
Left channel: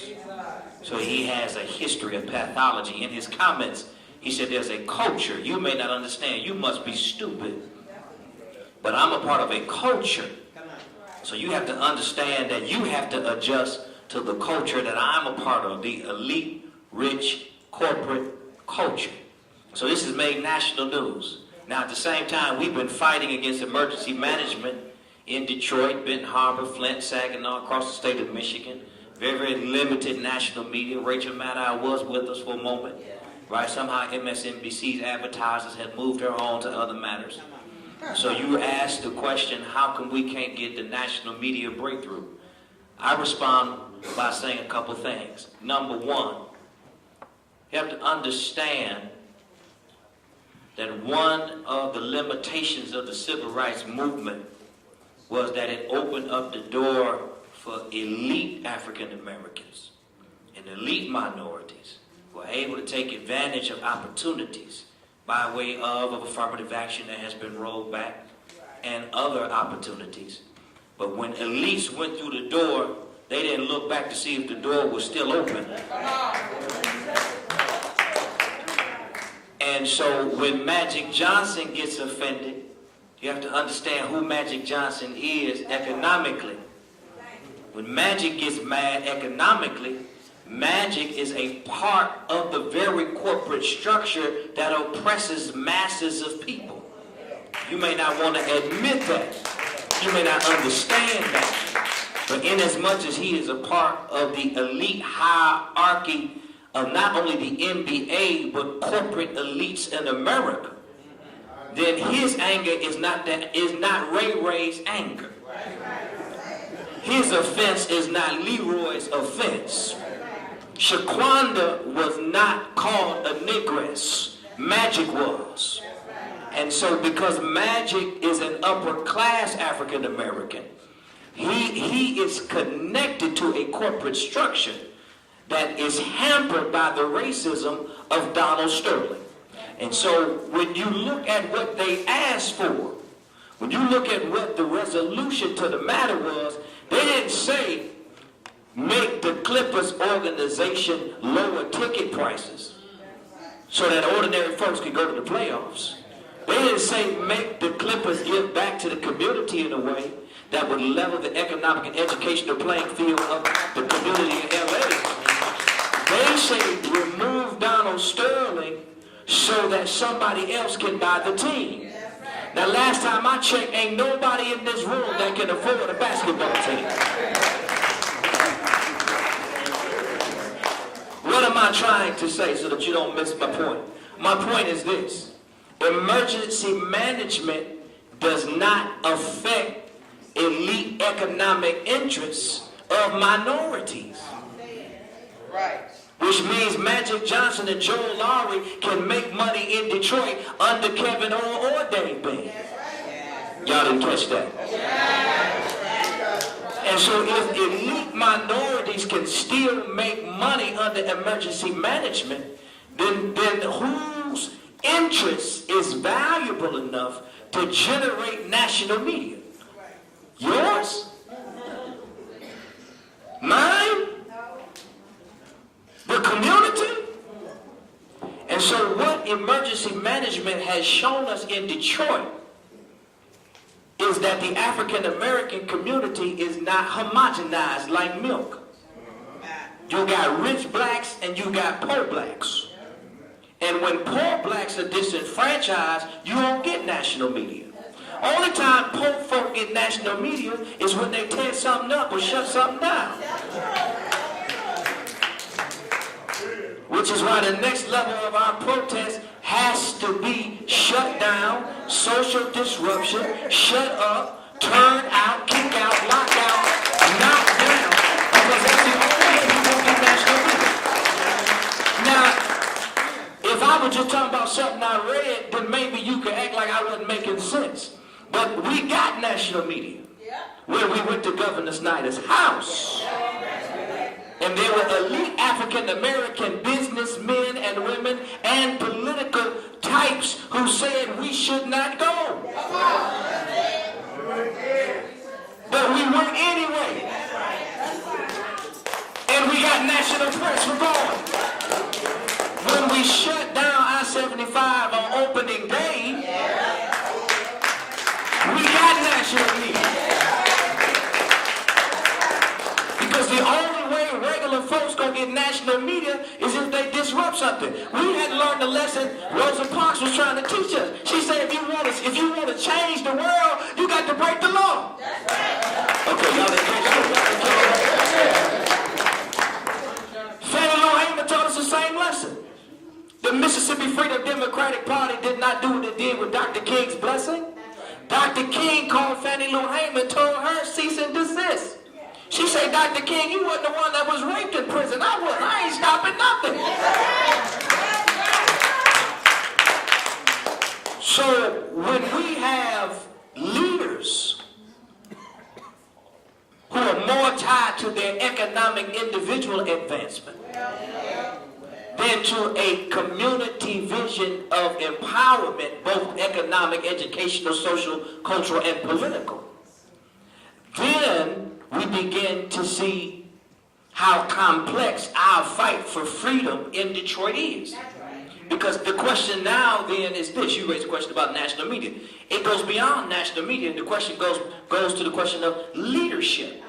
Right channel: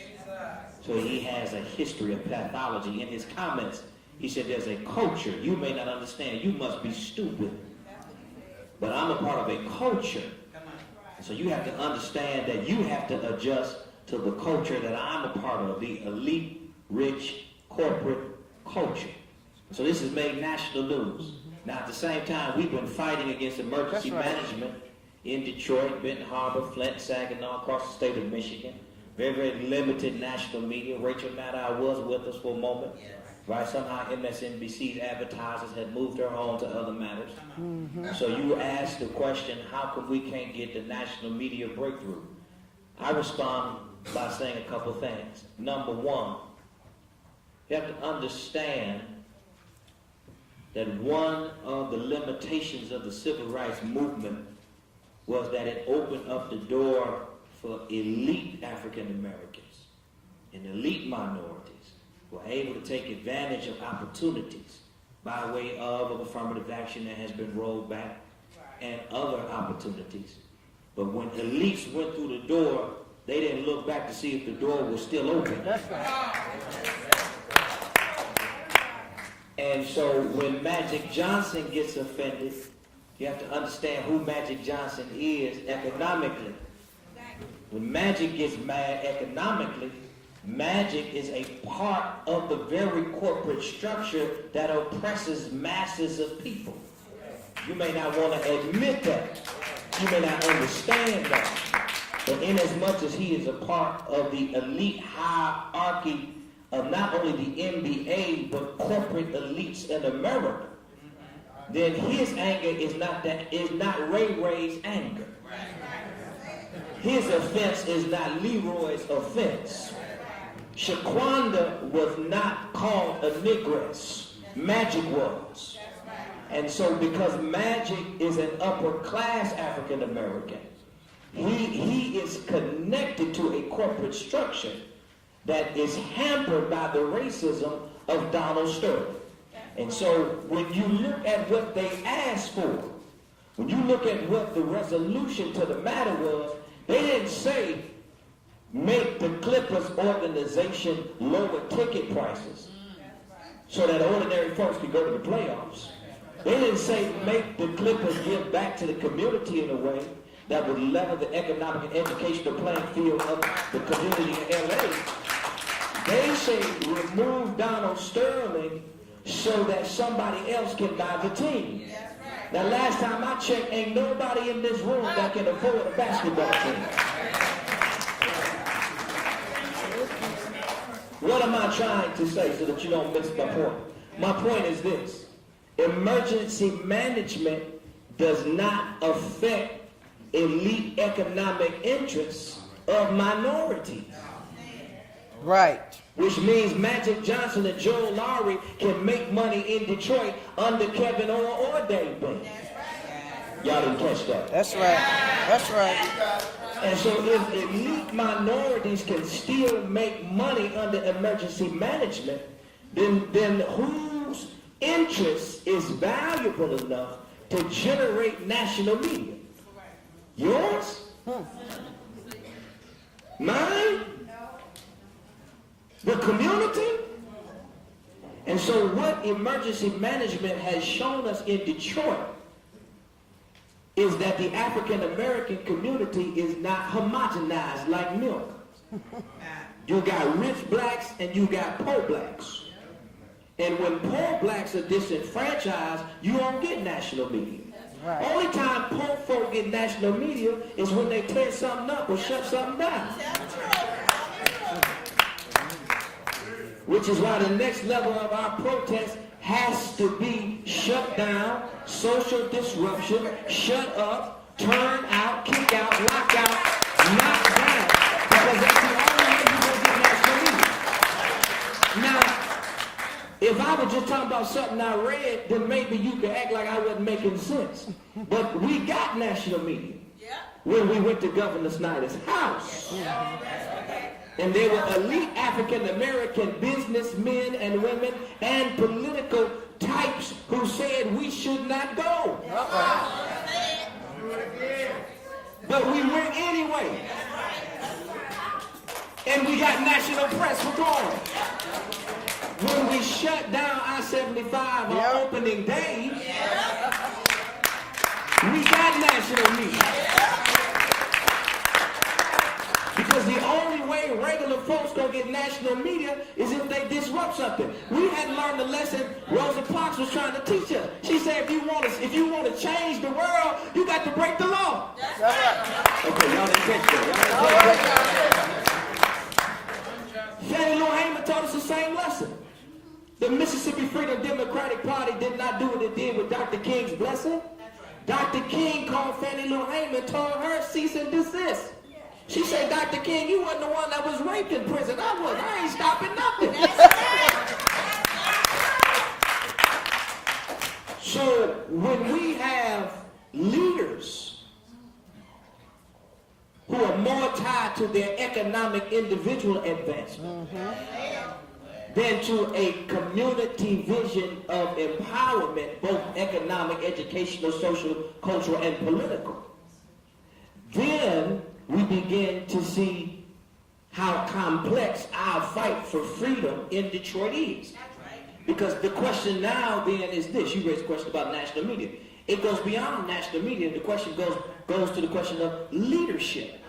So he has a history of pathology. In his comments, he said there's a culture. You may not understand. You must be stupid. But I'm a part of a culture. So you have to understand that you have to adjust to the culture that I'm a part of, the elite, rich, corporate culture. So this has made national news. Now at the same time, we've been fighting against emergency management in Detroit, Benton Harbor, Flint, Saginaw, across the state of Michigan. Very, very limited national media. Rachel Maddow was with us for a moment. Right? Somehow MSNBC's advertisers had moved her on to other matters. So you were asked the question, how come we can't get the national media breakthrough? I respond by saying a couple things. Number one, you have to understand that one of the limitations of the civil rights movement was that it opened up the door for elite African Americans and elite minorities who are able to take advantage of opportunities by way of affirmative action that has been rolled back and other opportunities. But when elites went through the door, they didn't look back to see if the door was still open. And so when Magic Johnson gets offended, you have to understand who Magic Johnson is economically. When Magic gets mad economically, Magic is a part of the very corporate structure that oppresses masses of people. You may not want to admit that. You may not understand that. But inasmuch as he is a part of the elite hierarchy of not only the NBA, but corporate elites in America, then his anger is not Ray Ray's anger. His offense is not Leroy's offense. Shaquanda was not called a negress. Magic was. And so because Magic is an upper class African American, he is connected to a corporate structure that is hampered by the racism of Donald Sterling. And so when you look at what they asked for, when you look at what the resolution to the matter was, they didn't say make the Clippers organization lower ticket prices so that ordinary folks can go to the playoffs. They didn't say make the Clippers give back to the community in a way that would level the economic and educational playing field of the community in LA. They say remove Donald Sterling so that somebody else can buy the team. Now last time I checked, ain't nobody in this room that can afford a basketball team. What am I trying to say so that you don't miss my point? My point is this. Emergency management does not affect elite economic interests of minorities. Right. Which means Magic Johnson and Joe Lowry can make money in Detroit under Kevin or Dave Bing. Y'all didn't catch that. That's right. That's right. And so if elite minorities can still make money under emergency management, then whose interest is valuable enough to generate national media? Yours? Mine? The community? And so what emergency management has shown us in Detroit is that the African American community is not homogenized like milk. You got rich blacks and you got poor blacks. And when poor blacks are disenfranchised, you don't get national media. Only time poor folk get national media is when they tear something up or shut something down. Which is why the next level of our protest has to be shut down, social disruption, shut up, turn out, kick out, lock out. making sense. But we got national media when we went to Governor Snyder's house. And there were elite African-American businessmen and women and political types who said we should not go. But we went anyway. And we got national press for going. When we shut down I-75 on opening day, we got national media. Because the only way regular folks gonna get national media is if they disrupt something. We had to learn the lesson Rosa Parks was trying to teach us. She said, if you want to change the world, you got to break the law. Okay, y'all didn't get that. Fannie Lou Hamer taught us the same lesson. The Mississippi Freedom Democratic Party did not do what it did with Dr. King's blessing. Dr. King called Fannie Lou Hamer and told her cease and desist. She said, Dr. King, you wasn't the one that was raped in prison. I ain't stopping nothing. So when we have leaders who are more tied to their economic individual advancement than to a community vision of empowerment, both economic, educational, social, cultural, and political, then we begin to see how complex our fight for freedom in Detroit is. Because the question now then is this. You raised a question about national media. It goes beyond national media. The question goes to the question of leadership.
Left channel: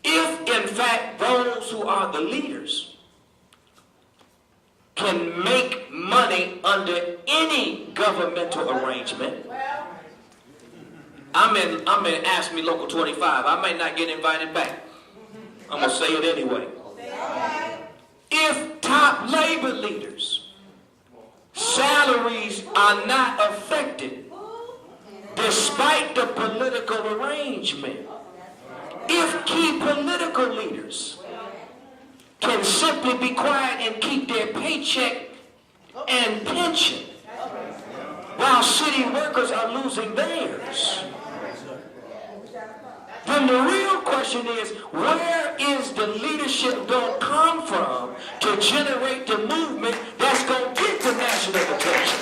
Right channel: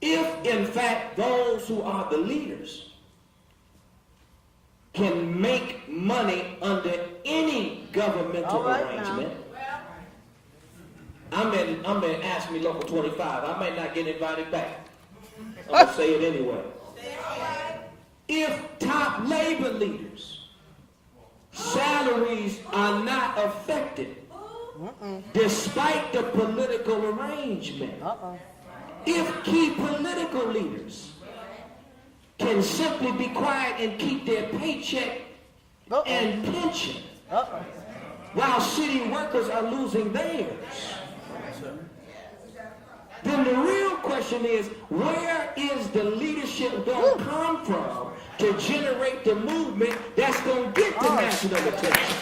If, in fact, those who are the leaders can make money under any governmental arrangement, I'm in Ask Me Local 25. I might not get invited back. I'm going to say it anyway. If top labor leaders' salaries are not affected despite the political arrangement, if key political leaders can simply be quiet and keep their paycheck and pension while city workers are losing theirs, then the real question is, where is the leadership going to come from to generate the movement that's going to get the national attention?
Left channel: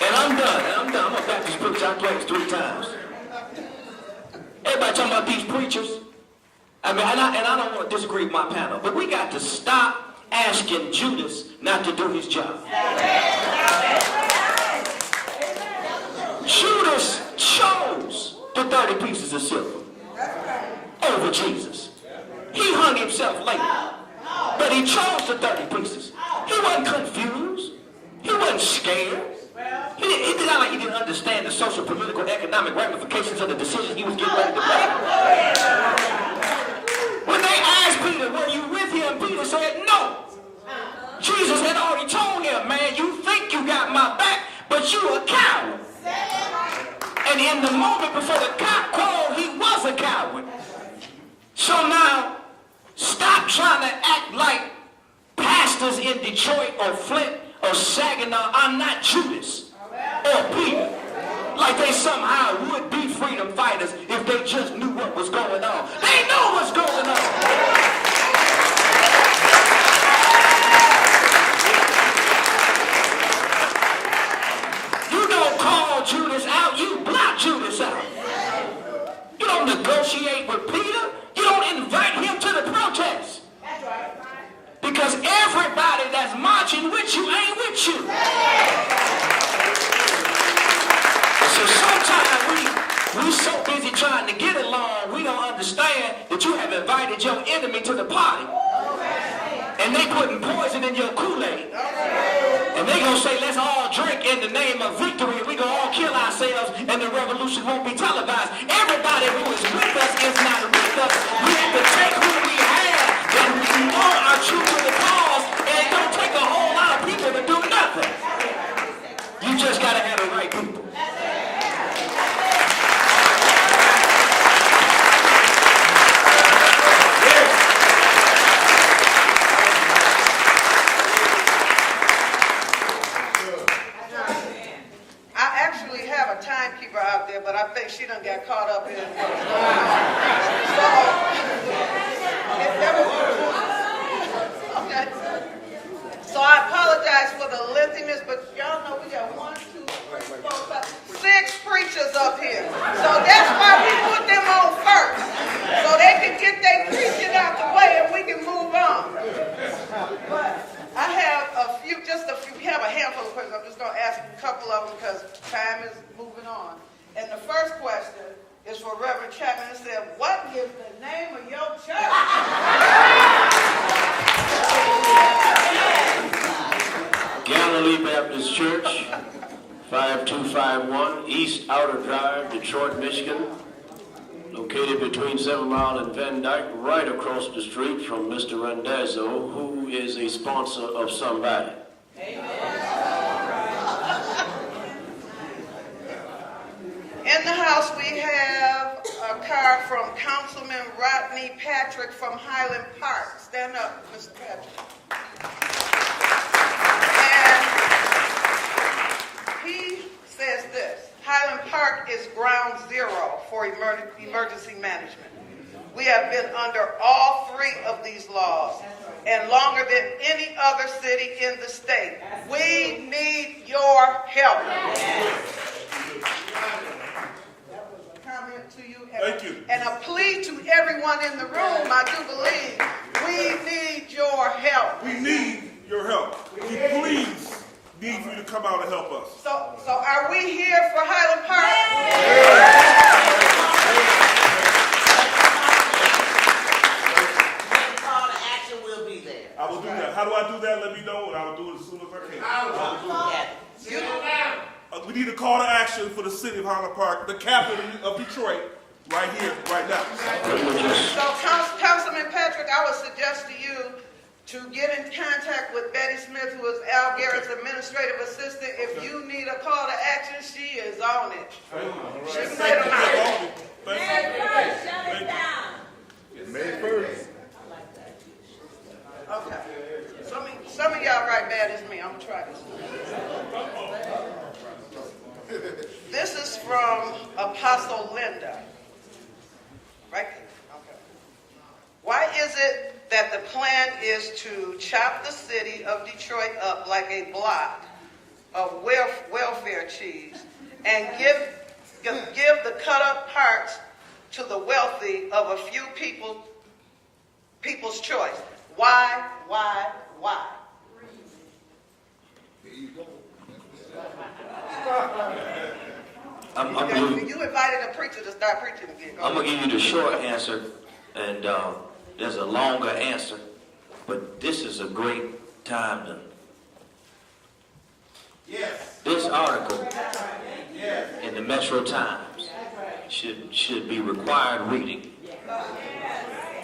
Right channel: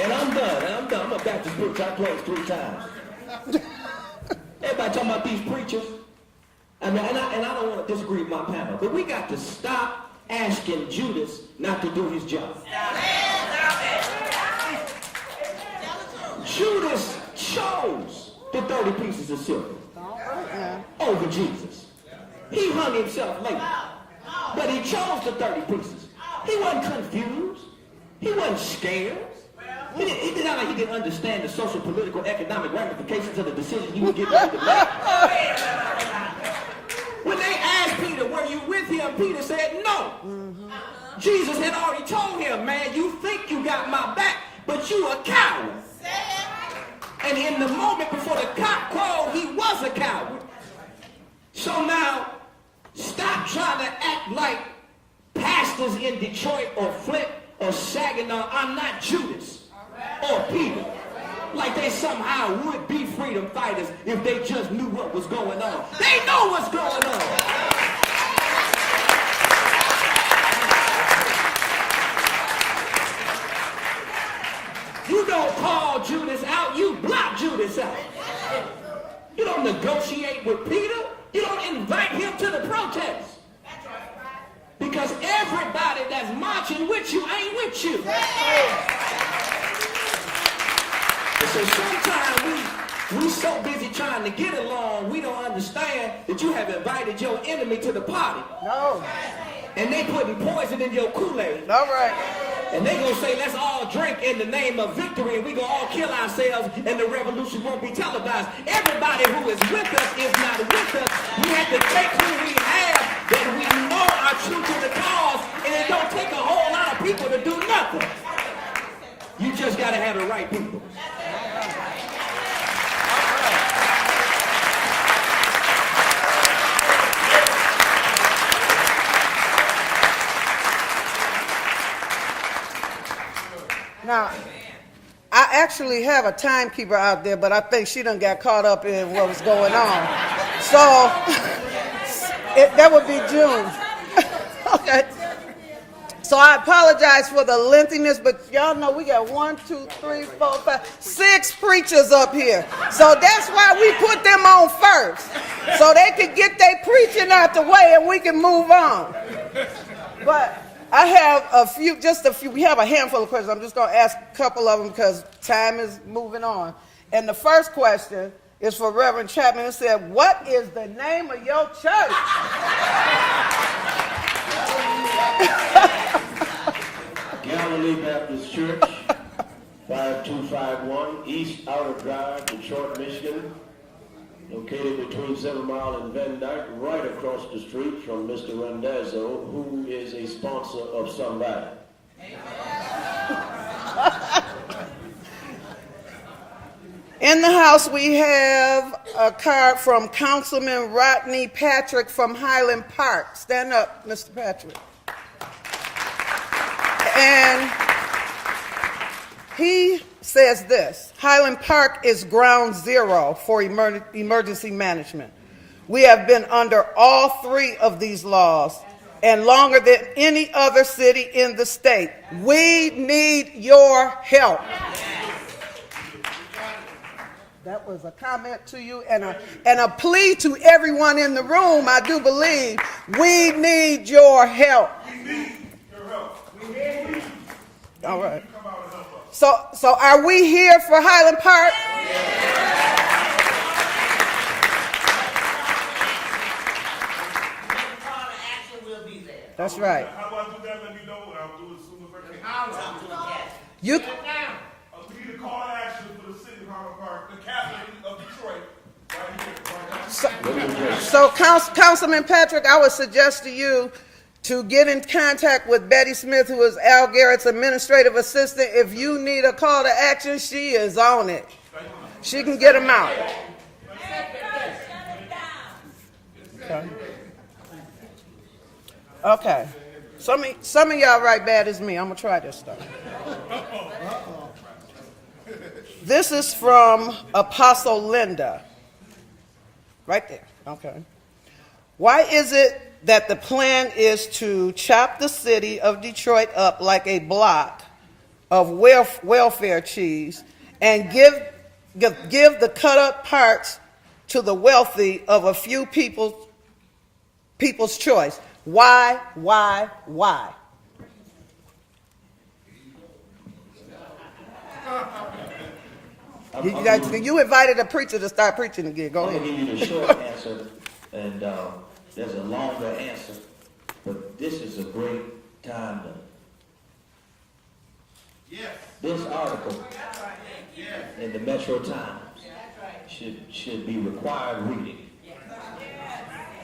And I'm done. I'm going to Baptist books I played 3 times. Everybody talking about these preachers. I mean, and I don't want to disagree with my panel, but we got to stop asking Judas not to do his job. Judas chose the 30 pieces of silver over Jesus. He hung himself later, but he chose the 30 pieces. He wasn't confused. He wasn't scared. He did not like he didn't understand the social, political, economic ramifications of the decisions he was getting ready to make. When they asked Peter, were you with him? Peter said, no. Jesus had already told him, man, you think you got my back, but you a coward. And in the moment before the cock crowed, he was a coward. So now, stop trying to act like pastors in Detroit or Flint or Saginaw. I'm not Judas or Peter. Like they somehow would be freedom fighters if they just knew what was going on. They know what's going on. You don't call Judas out, you block Judas out. You don't negotiate with Peter. You don't invite him to the protest. Because everybody that's marching with you ain't with you. So sometimes we so busy trying to get along, we don't understand that you have invited your enemy to the party. And they putting poison in your Kool-Aid. And they gonna say, let's all drink in the name of victory. We gonna all kill ourselves and the revolution won't be televised. Everybody who is with us is not with us. We have to take who we have and we all are true to the cause, and it don't take a whole lot of people to do nothing. You just gotta have the right people. Now, I actually have a timekeeper out there, but I think she done got caught up in what was going on. So, that would be June. Okay. So I apologize for the lengthiness, but y'all know we got 1, 2, 3, 4, 5, 6 preachers up here. So that's why we put them on first. So they can get their preaching out the way and we can move on. But I have just a few, we have a handful of questions. I'm just going to ask a couple of them because time is moving on. And the first question is for Reverend Chapman. It said, what is the name of your church? Galilee Baptist Church, 5251 East Outer Drive, Detroit, Michigan. Located between 7 Mile and Van Dyke, right across the street from Mr. Randazzo, who is a sponsor of somebody. In the house, we have a card from Councilman Rodney Patrick from Highland Park. Stand up, Mr. Patrick. And he says this: Highland Park is ground zero for emergency management. We have been under all 3 of these laws and longer than any other city in the state. We need your help. That was a comment to you and a plea to everyone in the room. I do believe we need your help. We need your help. We please need you to come out and help us. So are we here for Highland Park? Call to action will be there. That's right. How do I do that? Let me know, and I'll do it as soon as I can. You. We need a call to action for the city of Highland Park, the capital of Detroit, right here, right now. So, Councilman Patrick, I would suggest to you to get in contact with Betty Smith, who is Al Garrett's administrative assistant. If you need a call to action, she is on it. She can get them out. Okay. Some of y'all write bad as me. I'm going to try this stuff. This is from Apostle Linda. Right there. Okay. Why is it that the plan is to chop the city of Detroit up like a block of welfare cheese and give the cut up parts to the wealthy of a few people's choice? Why? You invited a preacher to start preaching again. Go ahead. I'm going to give you the short answer, and there's a longer answer, but this is a great time to... Yes. This article in the Metro Times should be required reading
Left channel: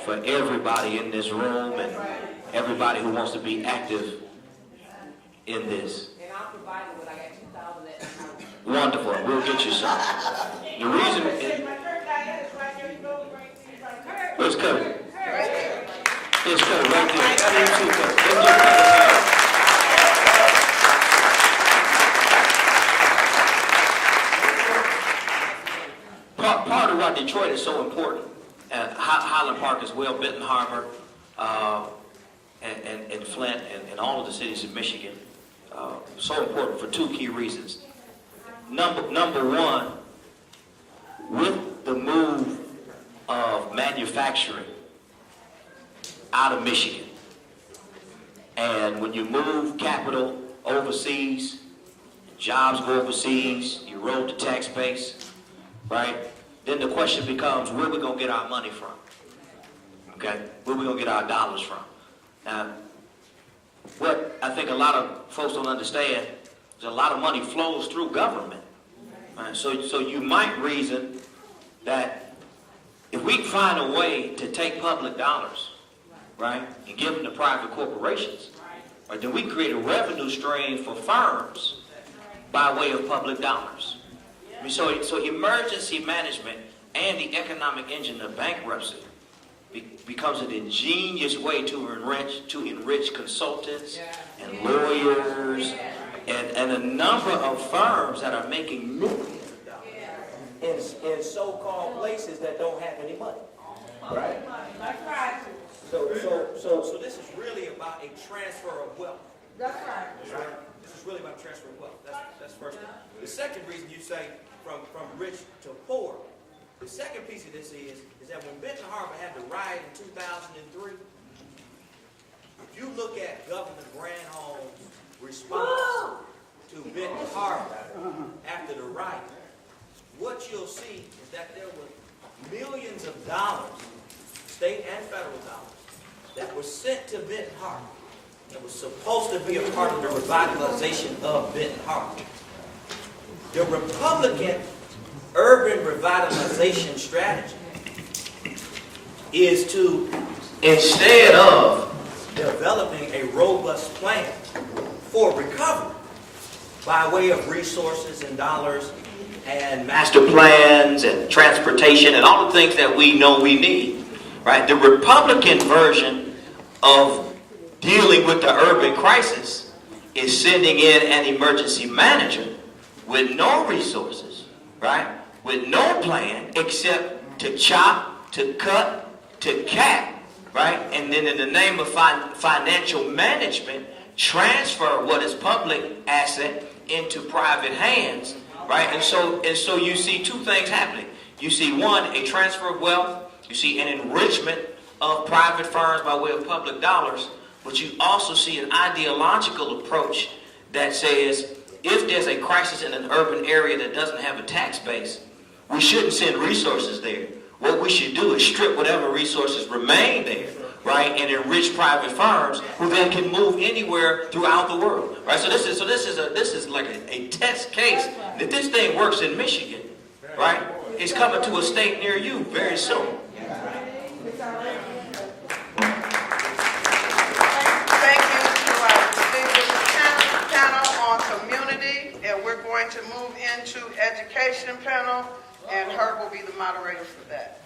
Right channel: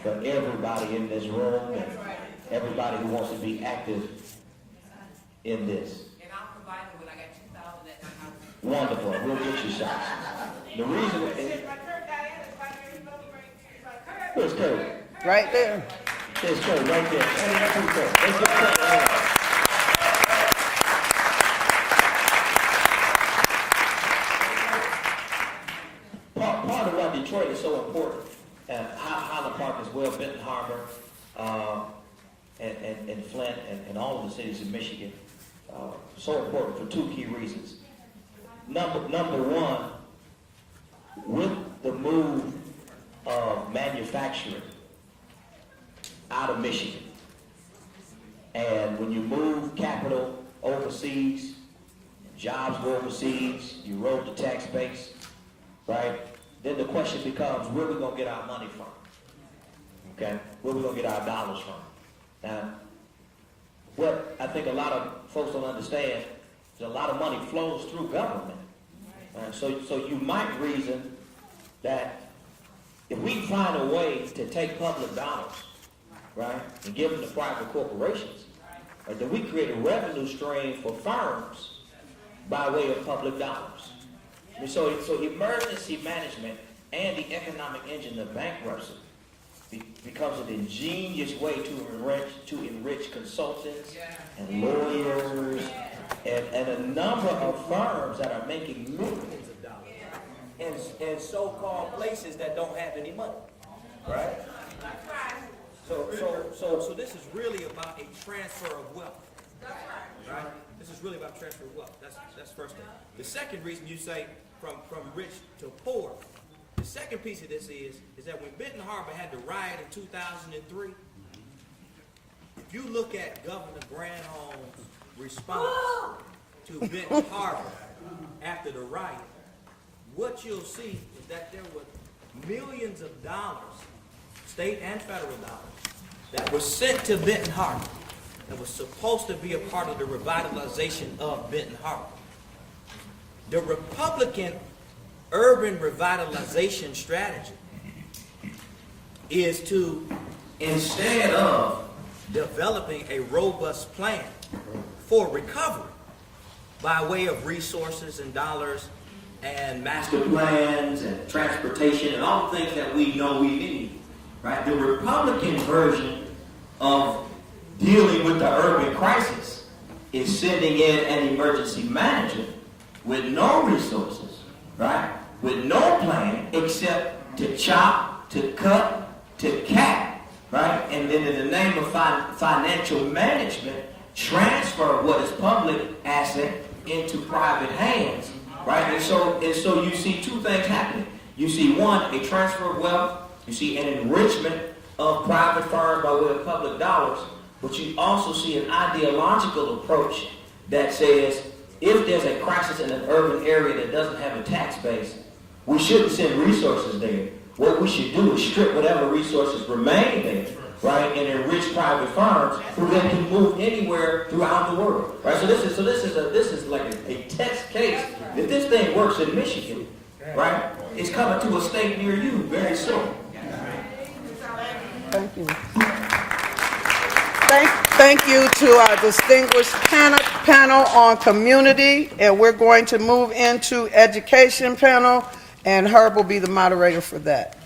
for everybody in this room and everybody who wants to be active in this. And I'll provide it when I got 2,000 at my house. Wonderful. We'll get you some. The reason is... Where's Kermit? Right there. It's Kermit right there. Part of why Detroit is so important, and Highland Park as well, Benton Harbor, and Flint, and all of the cities of Michigan, so important for 2 key reasons. Number one, with the move of manufacturing out of Michigan, and when you move capital overseas, jobs go overseas, you erode the tax base, right? Then the question becomes, where are we going to get our money from? Okay? Where are we going to get our dollars from? Now, what I think a lot of folks don't understand is a lot of money flows through government. Right? So you might reason that if we can find a way to take public dollars, right, and give them to private corporations, right, then we create a revenue stream for firms by way of public dollars. So emergency management and the economic engine of bankruptcy becomes an ingenious way to enrich consultants and lawyers and and a number of firms that are making millions of dollars in so-called places that don't have any money, right? That's right. So this is really about a transfer of wealth. That's right. Right? This is really about transfer of wealth. That's first thing. The second reason you say from rich to poor, the second piece of this is that when Benton Harbor had the riot in 2003, if you look at Governor Granholm's response to Benton Harbor after the riot, what you'll see is that there were millions of dollars, state and federal dollars, that were sent to Benton Harbor that was supposed to be a part of the revitalization of Benton Harbor. The Republican urban revitalization strategy is to, instead of developing a robust plan for recovery by way of resources and dollars and master plans and transportation and all the things that we know we need, right? The Republican version of dealing with the urban crisis is sending in an emergency manager with no resources, right? With no plan except to chop, to cut, to cap, right? And then in the name of financial management, transfer what is public asset into private hands, right? And so you see two things happening. You see one, a transfer of wealth. You see an enrichment of private firms by way of public dollars. But you also see an ideological approach that says if there's a crisis in an urban area that doesn't have a tax base, we shouldn't send resources there. What we should do is strip whatever resources remain there, right, and enrich private firms who then can move anywhere throughout the world, right? So this is like a test case. If this thing works in Michigan, right, it's coming to a state near you very soon. Thank you. Thank you to our distinguished panel on community, and we're going to move into education panel, and Herb will be the moderator for that.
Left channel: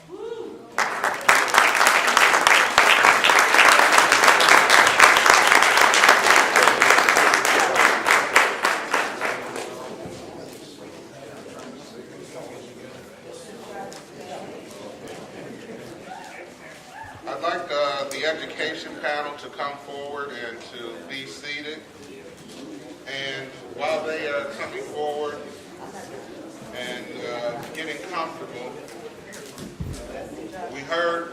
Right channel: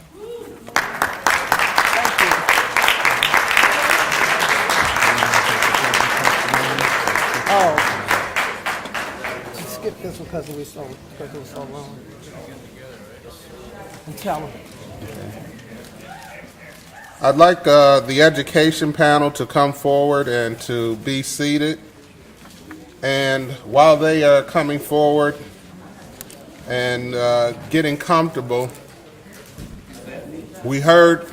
Oh, skip this because it was so long. And tell them. I'd like the education panel to come forward and to be seated. And while they are coming forward and getting comfortable, we heard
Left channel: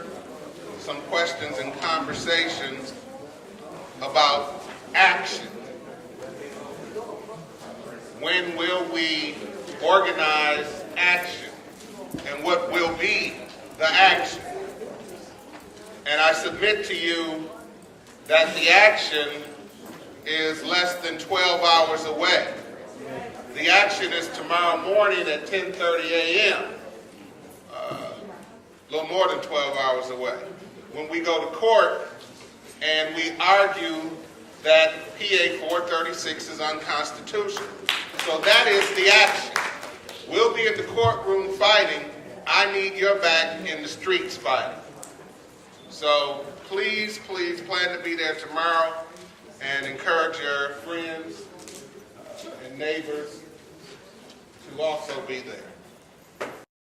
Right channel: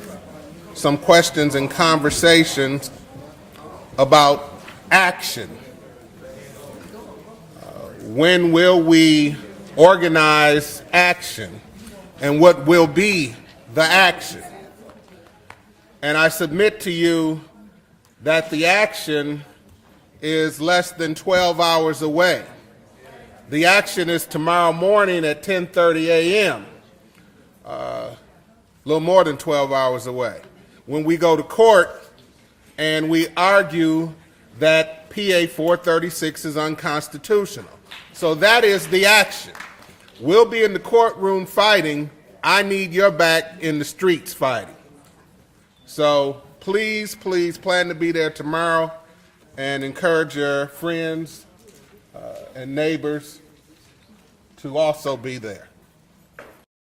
some questions and conversations about action. When will we organize action? And what will be the action? And I submit to you that the action is less than 12 hours away. The action is tomorrow morning at 10:30 a.m., a little more than 12 hours away, when we go to court and we argue that PA 436 is unconstitutional. So that is the action. We'll be in the courtroom fighting. I need your back in the streets fighting. So please, please plan to be there tomorrow and encourage your friends and neighbors to also be there.